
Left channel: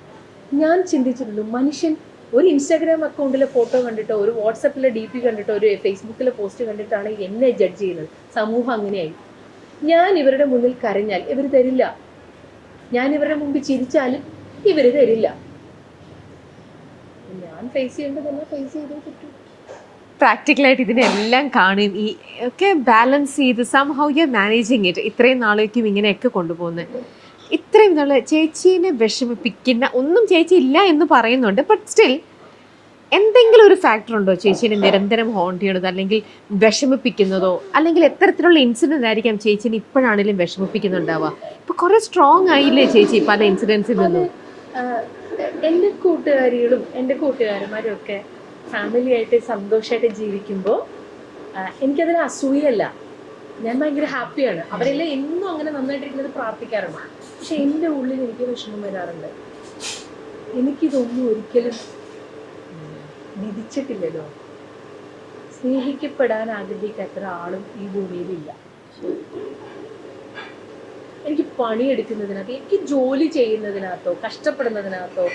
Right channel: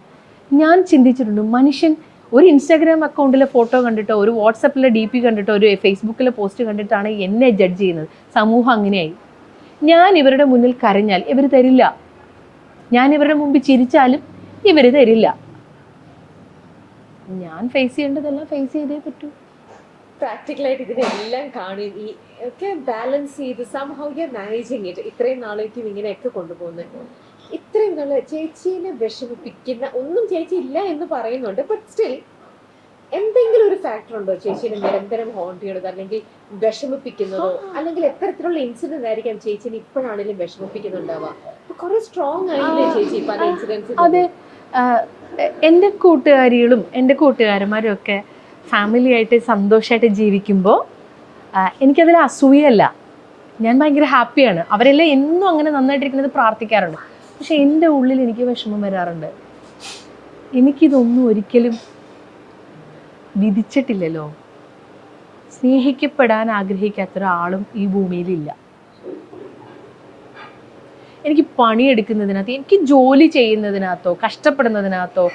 ഞാൻ ചിന്തിച്ചിട്ടുണ്ട്, മനുഷ്യൻ ഒരു ഇൻസ്റ്റാഗ്രാം അക്കൗണ്ടിലെ ഫോട്ടോ കണ്ടിട്ടോ, ഒരു വാട്സപ്പിലെ DP കണ്ടിട്ടോ, ഒരു ഫേസ്ബുക്കിലെ പോസ്റ്റ് കണ്ടിട്ടാണ് എന്നെ ജഡ്ജ് ചെയ്യുന്നത്. സമൂഹം അങ്ങനെയായി. ഞാൻ ഇവരുടെ മുന്നിൽ കരഞ്ഞാൽ ഇവർ തരില്ല, ഞാൻ ഇവരുടെ മുമ്പിൽ ചിരിച്ചാലും ഇവർ തരില്ല. ഞാൻ ഫേസ് ചെയ്യേണ്ടതെല്ലാം ഫേസ് ചെയ്തേ പറ്റൂ. പ്രാക്ടിക്കലായിട്ട് ഇതിനെല്ലാം കാണും, ഈ ഒക്കെ ബാലൻസ് ചെയ്ത് സംഹൗ യു മാനേജിങ് ഇറ്റ്. ഇത്രയും നാളേക്കും ഇങ്ങനെയൊക്കെ കൊണ്ടുപോകുന്നത്. ഇത്രയും നാളെ ചേച്ചീനെ വിഷമിപ്പിക്കുന്ന ഒന്നും ചേച്ചി ഇല്ല എന്ന് പറയുന്നുണ്ട്. ബട്ട് സ്റ്റിൽ എന്തെങ്കിലും ഒരു ഫാക്ടർ ഉണ്ടോ ചേച്ചീനെ നിരന്തരം ഹോണ്ട് ചെയ്യണത്, അല്ലെങ്കിൽ വിഷമിപ്പിക്കുന്നതോ, അല്ലെങ്കിൽ എത്തരത്തിലുള്ള ഇൻസിഡന്റ് ആയിരിക്കാം ചേച്ചീനെ ഇപ്പോഴാണെങ്കിലും വിഷമിപ്പിക്കുന്നുണ്ടാവുക? ഇപ്പൊ കുറെ സ്ട്രോങ് ആയില്ലേ ചേച്ചി പല ഇൻസിഡൻസിൽ? അത് എൻ്റെ കൂട്ടുകാരികളും എൻ്റെ കൂട്ടുകാരന്മാരും ഒക്കെ ഫാമിലി ആയിട്ട് സന്തോഷമായിട്ട് ജീവിക്കുമ്പോൾ എനിക്കതിൽ അസൂയല്ല, ഞാൻ ഭയങ്കര ഹാപ്പിയാണ്. അവരെല്ലാം എന്നും അങ്ങനെ നന്നായിട്ടിരിക്കുന്നത് പ്രാർത്ഥിക്കാറുണ്ട്. പക്ഷെ എൻ്റെ ഉള്ളിൽ എനിക്ക് വിഷമം വരാറുണ്ട്. എനിക്കിതൊന്നും ഒരിക്കലും വിധിച്ചിട്ടില്ലല്ലോ. സ്നേഹിക്കപ്പെടാൻ ആഗ്രഹിക്കാത്ത ഒരാളും ഈ ഭൂമിയിലില്ല. എനിക്ക് പണിയെടുക്കുന്നതിനകത്ത്, എനിക്ക് ജോലി ചെയ്യുന്നതിനകത്തോ കഷ്ടപ്പെടുന്നതിനകത്തോ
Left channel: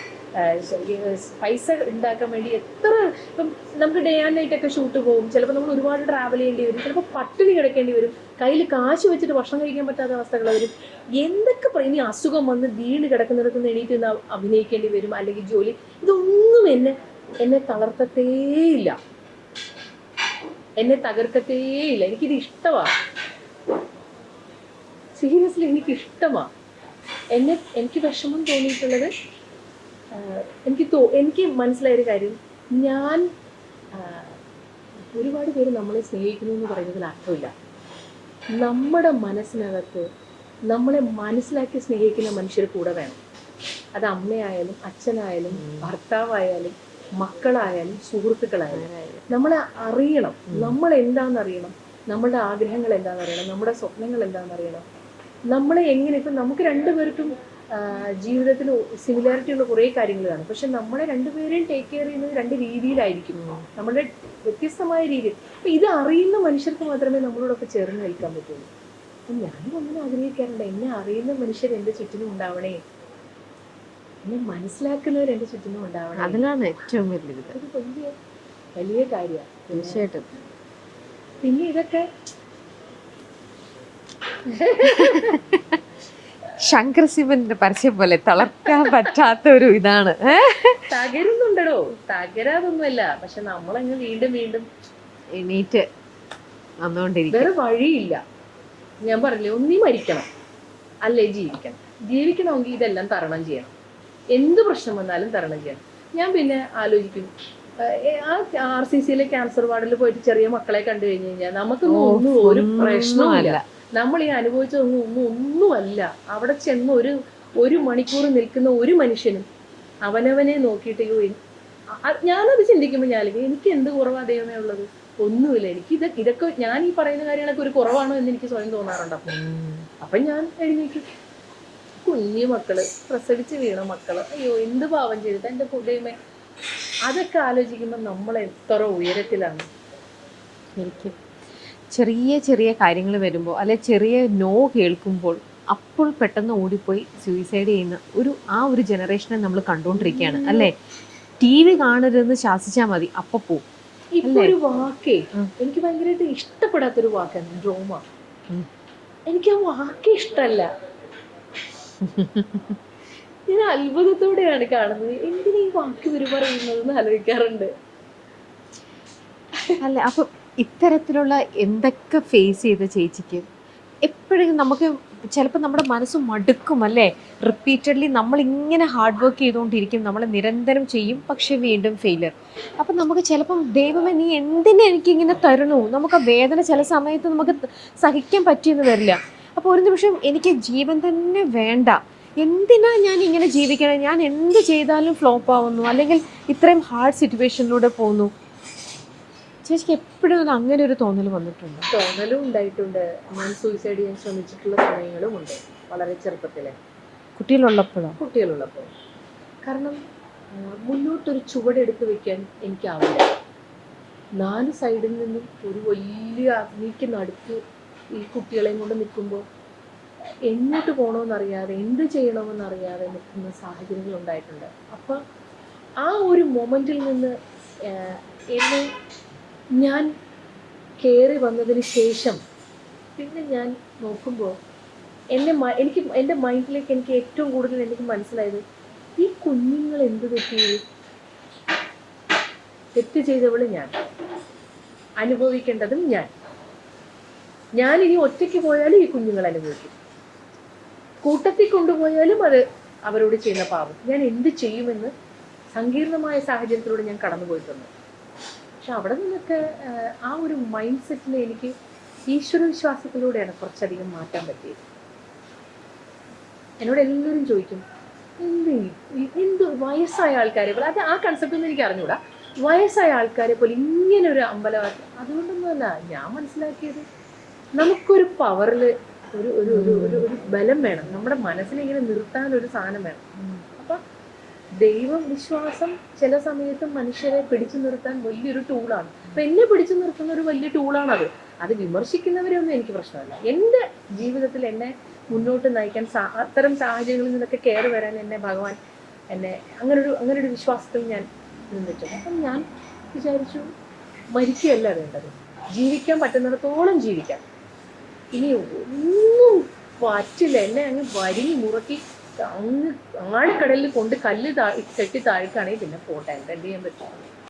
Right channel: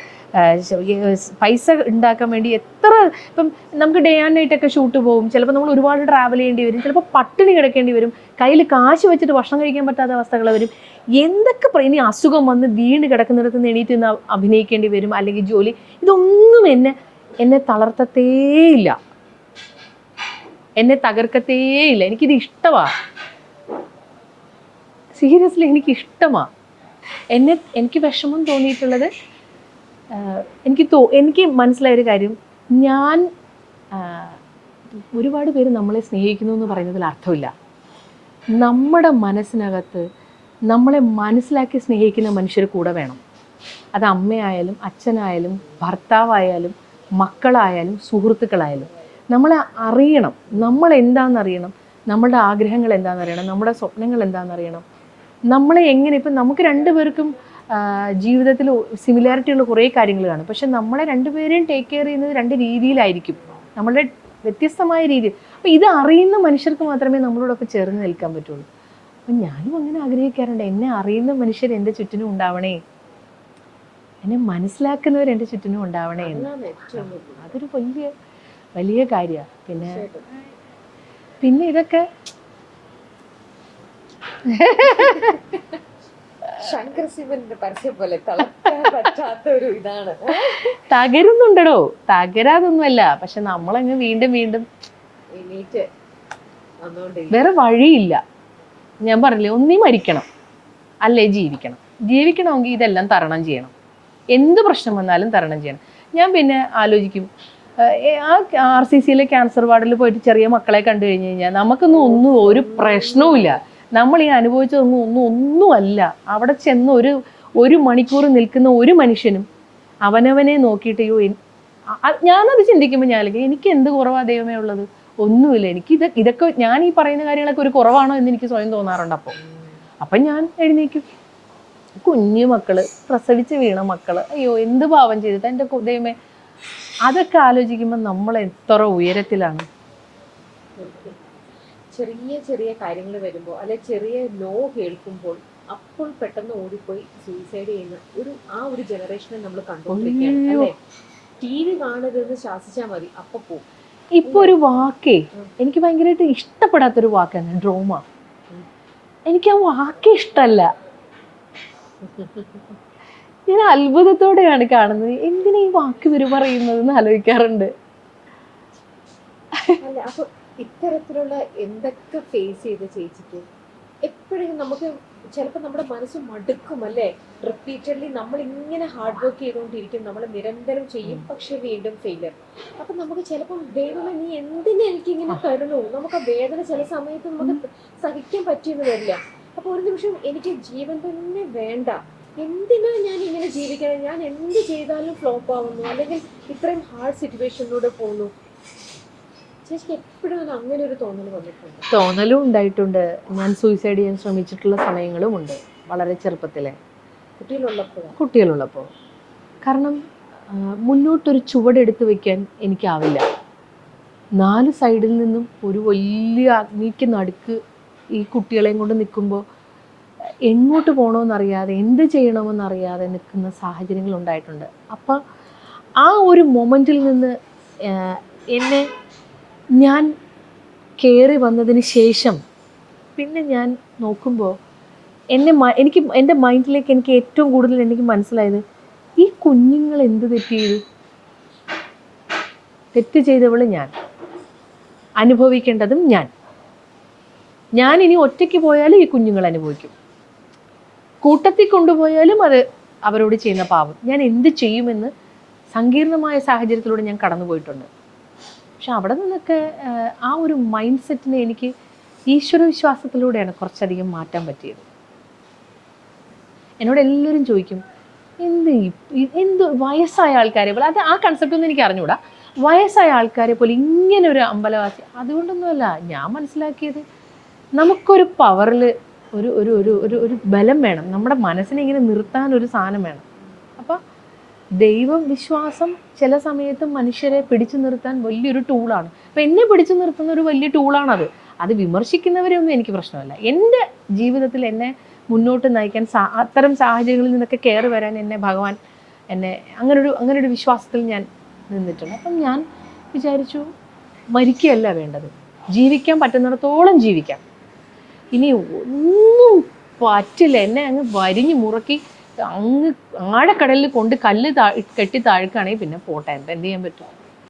പൈസ ഉണ്ടാക്കാൻ വേണ്ടി എത്ര, ഇപ്പം നമുക്ക് ഡേ ആൻഡ് നൈറ്റ് ഒക്കെ ഷൂട്ട് പോകും, ചിലപ്പോൾ നമ്മൾ ഒരുപാട് ട്രാവൽ ചെയ്യേണ്ടി വരും, ചിലപ്പോൾ പട്ടിണി കിടക്കേണ്ടി വരും, കയ്യിൽ കാശ് വെച്ചിട്ട് ഭക്ഷണം കഴിക്കാൻ പറ്റാത്ത അവസ്ഥകൾ വരും, എന്തൊക്കെ ഇനി അസുഖം വന്ന് വീണ് കിടക്കുന്നിടത്ത് നിന്ന് എണീറ്റ് നിന്ന് അഭിനയിക്കേണ്ടി വരും, അല്ലെങ്കിൽ ജോലി, ഇതൊന്നും എന്നെ തളർത്തത്തേയില്ല, എന്നെ തകർക്കത്തേയില്ല. എനിക്കിത് ഇഷ്ടമാണ്, സീരിയസ്ലി എനിക്കിഷ്ടമാണ്. എനിക്ക് വിഷമം തോന്നിയിട്ടുള്ളത്, എനിക്ക് മനസ്സിലായൊരു കാര്യം, ഞാൻ ഒരുപാട് പേര് നമ്മളെ സ്നേഹിക്കുന്നു എന്ന് പറയുന്നതിൽ അർത്ഥമില്ല. നമ്മുടെ മനസ്സിനകത്ത് നമ്മളെ മനസ്സിലാക്കി സ്നേഹിക്കുന്ന മനുഷ്യർ കൂടെ വേണം. അത് അമ്മയായാലും അച്ഛനായാലും ഭർത്താവായാലും മക്കളായാലും സുഹൃത്തുക്കളായാലും. നമ്മളെ അറിയണം, നമ്മൾ എന്താണെന്നറിയണം, നമ്മളുടെ ആഗ്രഹങ്ങൾ എന്താണെന്നറിയണം, നമ്മുടെ സ്വപ്നങ്ങൾ എന്താണെന്നറിയണം. നമ്മളെ എങ്ങനെ, ഇപ്പം നമുക്ക് രണ്ടുപേർക്കും ജീവിതത്തിൽ സിമിലാരിറ്റി ഉള്ള കുറേ കാര്യങ്ങൾ കാണും, പക്ഷെ നമ്മളെ രണ്ടുപേരെയും ടേക്ക് കെയർ ചെയ്യുന്നത് രണ്ട് രീതിയിലായിരിക്കും, നമ്മളുടെ വ്യത്യസ്തമായ രീതി. അപ്പം ഇത് അറിയുന്ന മനുഷ്യർക്ക് മാത്രമേ നമ്മളോടൊപ്പം ചേർന്ന് നിൽക്കാൻ പറ്റുള്ളൂ. അപ്പം ഞാനും അങ്ങനെ ആഗ്രഹിക്കാറുണ്ട്, എന്നെ അറിയുന്ന മനുഷ്യർ എൻ്റെ ചുറ്റിനും ഉണ്ടാവണേ, എന്നെ മനസ്സിലാക്കുന്നവർ എൻ്റെ ചുറ്റിനും ഉണ്ടാവണേ. അതിലാണ് ഏറ്റവും വലിയ, അതൊരു വലിയ വലിയ കാര്യമാണ്. പിന്നെ ഇതൊക്കെ ശങ്കർ ശിവന്റെ പരസ്യം പോലെ തളർത്താൻ പറ്റാത്ത ഒരു ഇതാണ്. തകരുന്നുണ്ടോ? തകരാതൊന്നുമല്ല, പക്ഷെ നമ്മളങ്ങ് വീണ്ടും വീണ്ടും എണീറ്റ് വന്നുകൊണ്ടിരിക്കും. വേറെ വഴിയില്ല. ഞാൻ പറഞ്ഞില്ലേ, ഒന്നീ മരിക്കണം അല്ലേ ജീവിക്കണം. ജീവിക്കണമെങ്കിൽ ഇതെല്ലാം തരണം ചെയ്യണം, എന്ത് പ്രശ്നം വന്നാലും തരണം ചെയ്യണം. ഞാൻ പിന്നെ ആലോചിക്കും, ആ RCCയിലെ ക്യാൻസർ വാർഡിൽ പോയിട്ട് ചെറിയ മക്കളെ കണ്ടു കഴിഞ്ഞു കഴിഞ്ഞാൽ നമുക്കൊന്നും ഒന്നും ഒരു പ്രശ്നവും ഇല്ല. നമ്മൾ ഈ അനുഭവിച്ചതൊന്നും ഒന്നുമല്ല. അവിടെ ചെന്ന് ഒരു മണിക്കൂർ നിൽക്കുന്ന ഒരു മനുഷ്യനും അവനവനെ നോക്കിയിട്ട് ഞാനത് ചിന്തിക്കുമ്പോൾ എനിക്ക് എന്ത് കുറവാ ദൈവമേ ഉള്ളത്? ഒന്നുമില്ല. എനിക്ക് ഇതൊക്കെ ഞാൻ ഈ പറയുന്ന കാര്യങ്ങളൊക്കെ ഒരു കുറവാണോ എന്ന് എനിക്ക് സ്വയം തോന്നാറുണ്ട്. അപ്പം ഞാൻ എഴുന്നേക്കും, കുഞ്ഞു മക്കള്, പ്രസവിച്ച് വീണ മക്കള്, അയ്യോ എന്ത് പാവം ചെയ്തിട്ട് എൻ്റെ ദൈവമേ. അതൊക്കെ ആലോചിക്കുമ്പോൾ നമ്മൾ എത്ര ഉയരത്തിലാണ്. ശരിക്കും ചെറിയ ചെറിയ കാര്യങ്ങൾ വരുമ്പോൾ, അല്ലെ ചെറിയ നോ കേൾക്കുമ്പോൾ അപ്പോൾ പെട്ടെന്ന് ഓടിപ്പോയി സൂയിസൈഡ് ചെയ്യുന്ന ഒരു ജനറേഷനെ നമ്മൾ കണ്ടുകൊണ്ടിരിക്കുകയാണ് അല്ലേ. TV കാണരുതെന്ന് ശാസിച്ചാൽ മതി, അപ്പൊ പോവും. ഇപ്പൊ ഒരു വാക്കേ എനിക്ക് ഭയങ്കരമായിട്ട് ഇഷ്ടപ്പെടാത്തൊരു വാക്കാണ് ഡ്രോമ. എനിക്ക് ആ വാക്കേ ഇഷ്ടമല്ല. ഞാൻ അത്ഭുതത്തോടെയാണ് കാണുന്നത്, എന്തിനാ ഈ വാക്ക് ഇവര് പറയുന്നതെന്ന് ആലോചിക്കാറുണ്ട്. അല്ല, അപ്പൊ ഇത്തരത്തിലുള്ള എന്തൊക്കെ ഫേസ് ചെയ്ത ചേച്ചിക്ക് എപ്പോഴും നമുക്ക് ചിലപ്പോൾ നമ്മുടെ മനസ്സ് മടുക്കും അല്ലേ. റിപ്പീറ്റഡ്ലി നമ്മൾ ഇങ്ങനെ ഹാർഡ് വർക്ക് ചെയ്തുകൊണ്ടിരിക്കും, നമ്മൾ നിരന്തരം ചെയ്യും, പക്ഷെ വീണ്ടും ഫെയിലിയർ. അപ്പം നമുക്ക് ചിലപ്പം ദൈവമേ നീ എന്തിനാ എനിക്കിങ്ങനെ തരണു, നമുക്ക് ആ വേദന ചില സമയത്ത് നമുക്ക് സഹിക്കാൻ പറ്റിയെന്ന് വരില്ല. അപ്പോൾ ഒരു നിമിഷം എനിക്ക് ജീവൻ തന്നെ വേണ്ട, എന്തിനാ ഞാൻ ഇങ്ങനെ ജീവിക്കണം, ഞാൻ എന്ത് ചെയ്താലും ഫ്ലോപ്പ് ആവുന്നു, അല്ലെങ്കിൽ ഇത്രയും ഹാർഡ് സിറ്റുവേഷനിലൂടെ പോകുന്നു. ചേച്ചിക്ക് എപ്പോഴും അങ്ങനെ ഒരു തോന്നൽ വന്നിട്ടുണ്ട്? തോന്നലും ഉണ്ടായിട്ടുണ്ട്. ഞാൻ സൂയിസൈഡ് ചെയ്യാൻ ശ്രമിച്ചിട്ടുള്ള സമയങ്ങളും ഉണ്ട്, വളരെ ചെറുപ്പത്തിലെ, കുട്ടികളുള്ളപ്പോൾ. കാരണം മുന്നോട്ടൊരു ചുവടെടുത്ത് വെക്കാൻ എനിക്കാവില്ല. 4 സൈഡിൽ നിന്നും ഒരു വലിയ അഗ്നിക്ക് നടുക്ക് ഈ കുട്ടികളെയും കൊണ്ട് നിൽക്കുമ്പോൾ എങ്ങോട്ട് പോകണമെന്നറിയാതെ, എന്ത് ചെയ്യണമെന്നറിയാതെ നിൽക്കുന്ന സാഹചര്യങ്ങൾ ഉണ്ടായിട്ടുണ്ട്. അപ്പം ആ ഒരു മൊമെൻറ്റിൽ നിന്ന് എന്നെ ഞാൻ കയറി വന്നതിന് ശേഷം പിന്നെ ഞാൻ നോക്കുമ്പോൾ എനിക്ക് എൻ്റെ മൈൻഡിലേക്ക് എനിക്ക് ഏറ്റവും കൂടുതൽ എനിക്ക് മനസ്സിലായത്, ഈ കുഞ്ഞുങ്ങൾ എന്ത് തെറ്റ് ചെയ്തവൾ ഞാൻ, അനുഭവിക്കേണ്ടതും ഞാൻ ഇനി ഒറ്റയ്ക്ക് പോയാലും ഈ കുഞ്ഞുങ്ങൾ അനുഭവിക്കും, കൂട്ടത്തിൽ കൊണ്ടുപോയാലും അത് അവരോട് ചെയ്യുന്ന പാവം. ഞാൻ എന്ത് ചെയ്യുമെന്ന് സങ്കീർണമായ സാഹചര്യത്തിലൂടെ ഞാൻ കടന്നുപോയിട്ടുണ്ട്. പക്ഷെ അവിടെ നിന്നൊക്കെ ആ ഒരു മൈൻഡ് സെറ്റിനെ എനിക്ക് ഈശ്വരവിശ്വാസത്തിലൂടെയാണ് കുറച്ചധികം മാറ്റാൻ പറ്റിയത്. എന്നോട് എല്ലാവരും ചോദിക്കും, എന്ത് വയസ്സായ ആൾക്കാരെ പോലെ, അത് ആ കൺസെപ്റ്റ് ഒന്നും എനിക്ക് അറിഞ്ഞൂടാ, വയസ്സായ ആൾക്കാരെ പോലെ ഇങ്ങനെ ഒരു അമ്പലവാസി. അതുകൊണ്ടൊന്നുമല്ല, ഞാൻ മനസ്സിലാക്കിയത് നമുക്കൊരു പവറിൽ ഒരു ബലം വേണം, നമ്മുടെ മനസ്സിനെ ഇങ്ങനെ നിർത്താൻ ഒരു സാധനം വേണം. അപ്പം ദൈവം വിശ്വാസം ചില സമയത്തും മനുഷ്യരെ പിടിച്ചു നിർത്താൻ വലിയൊരു ടൂളാണ്. അപ്പം എന്നെ പിടിച്ചു നിർത്തുന്ന ഒരു വലിയ ടൂളാണത്. അത് വിമർശിക്കുന്നവരെയൊന്നും എനിക്ക് പ്രശ്നമല്ല. എൻ്റെ ജീവിതത്തിൽ എന്നെ മുന്നോട്ട് നയിക്കാൻ അത്തരം സാഹചര്യങ്ങളിൽ നിന്നൊക്കെ കയറി വരാൻ എന്നെ ഭഗവാൻ എന്നെ അങ്ങനൊരു വിശ്വാസത്തിൽ ഞാൻ നിന്നിട്ടുണ്ട്. അപ്പം ഞാൻ വിചാരിച്ചു മരിക്കുകയല്ല വേണ്ടത്, ജീവിക്കാൻ പറ്റുന്നിടത്തോളം ജീവിക്കാം. ഇനി ഒന്നും പറ്റില്ല, എന്നെ അങ്ങ് വരിഞ്ഞു മുറുക്കി അങ്ങ് ആഴക്കടലിൽ കൊണ്ട് കല്ല് കെട്ടി താഴ്ക്കുകയാണെങ്കിൽ പിന്നെ പോട്ടെ, എന്ത് ചെയ്യാൻ പറ്റും.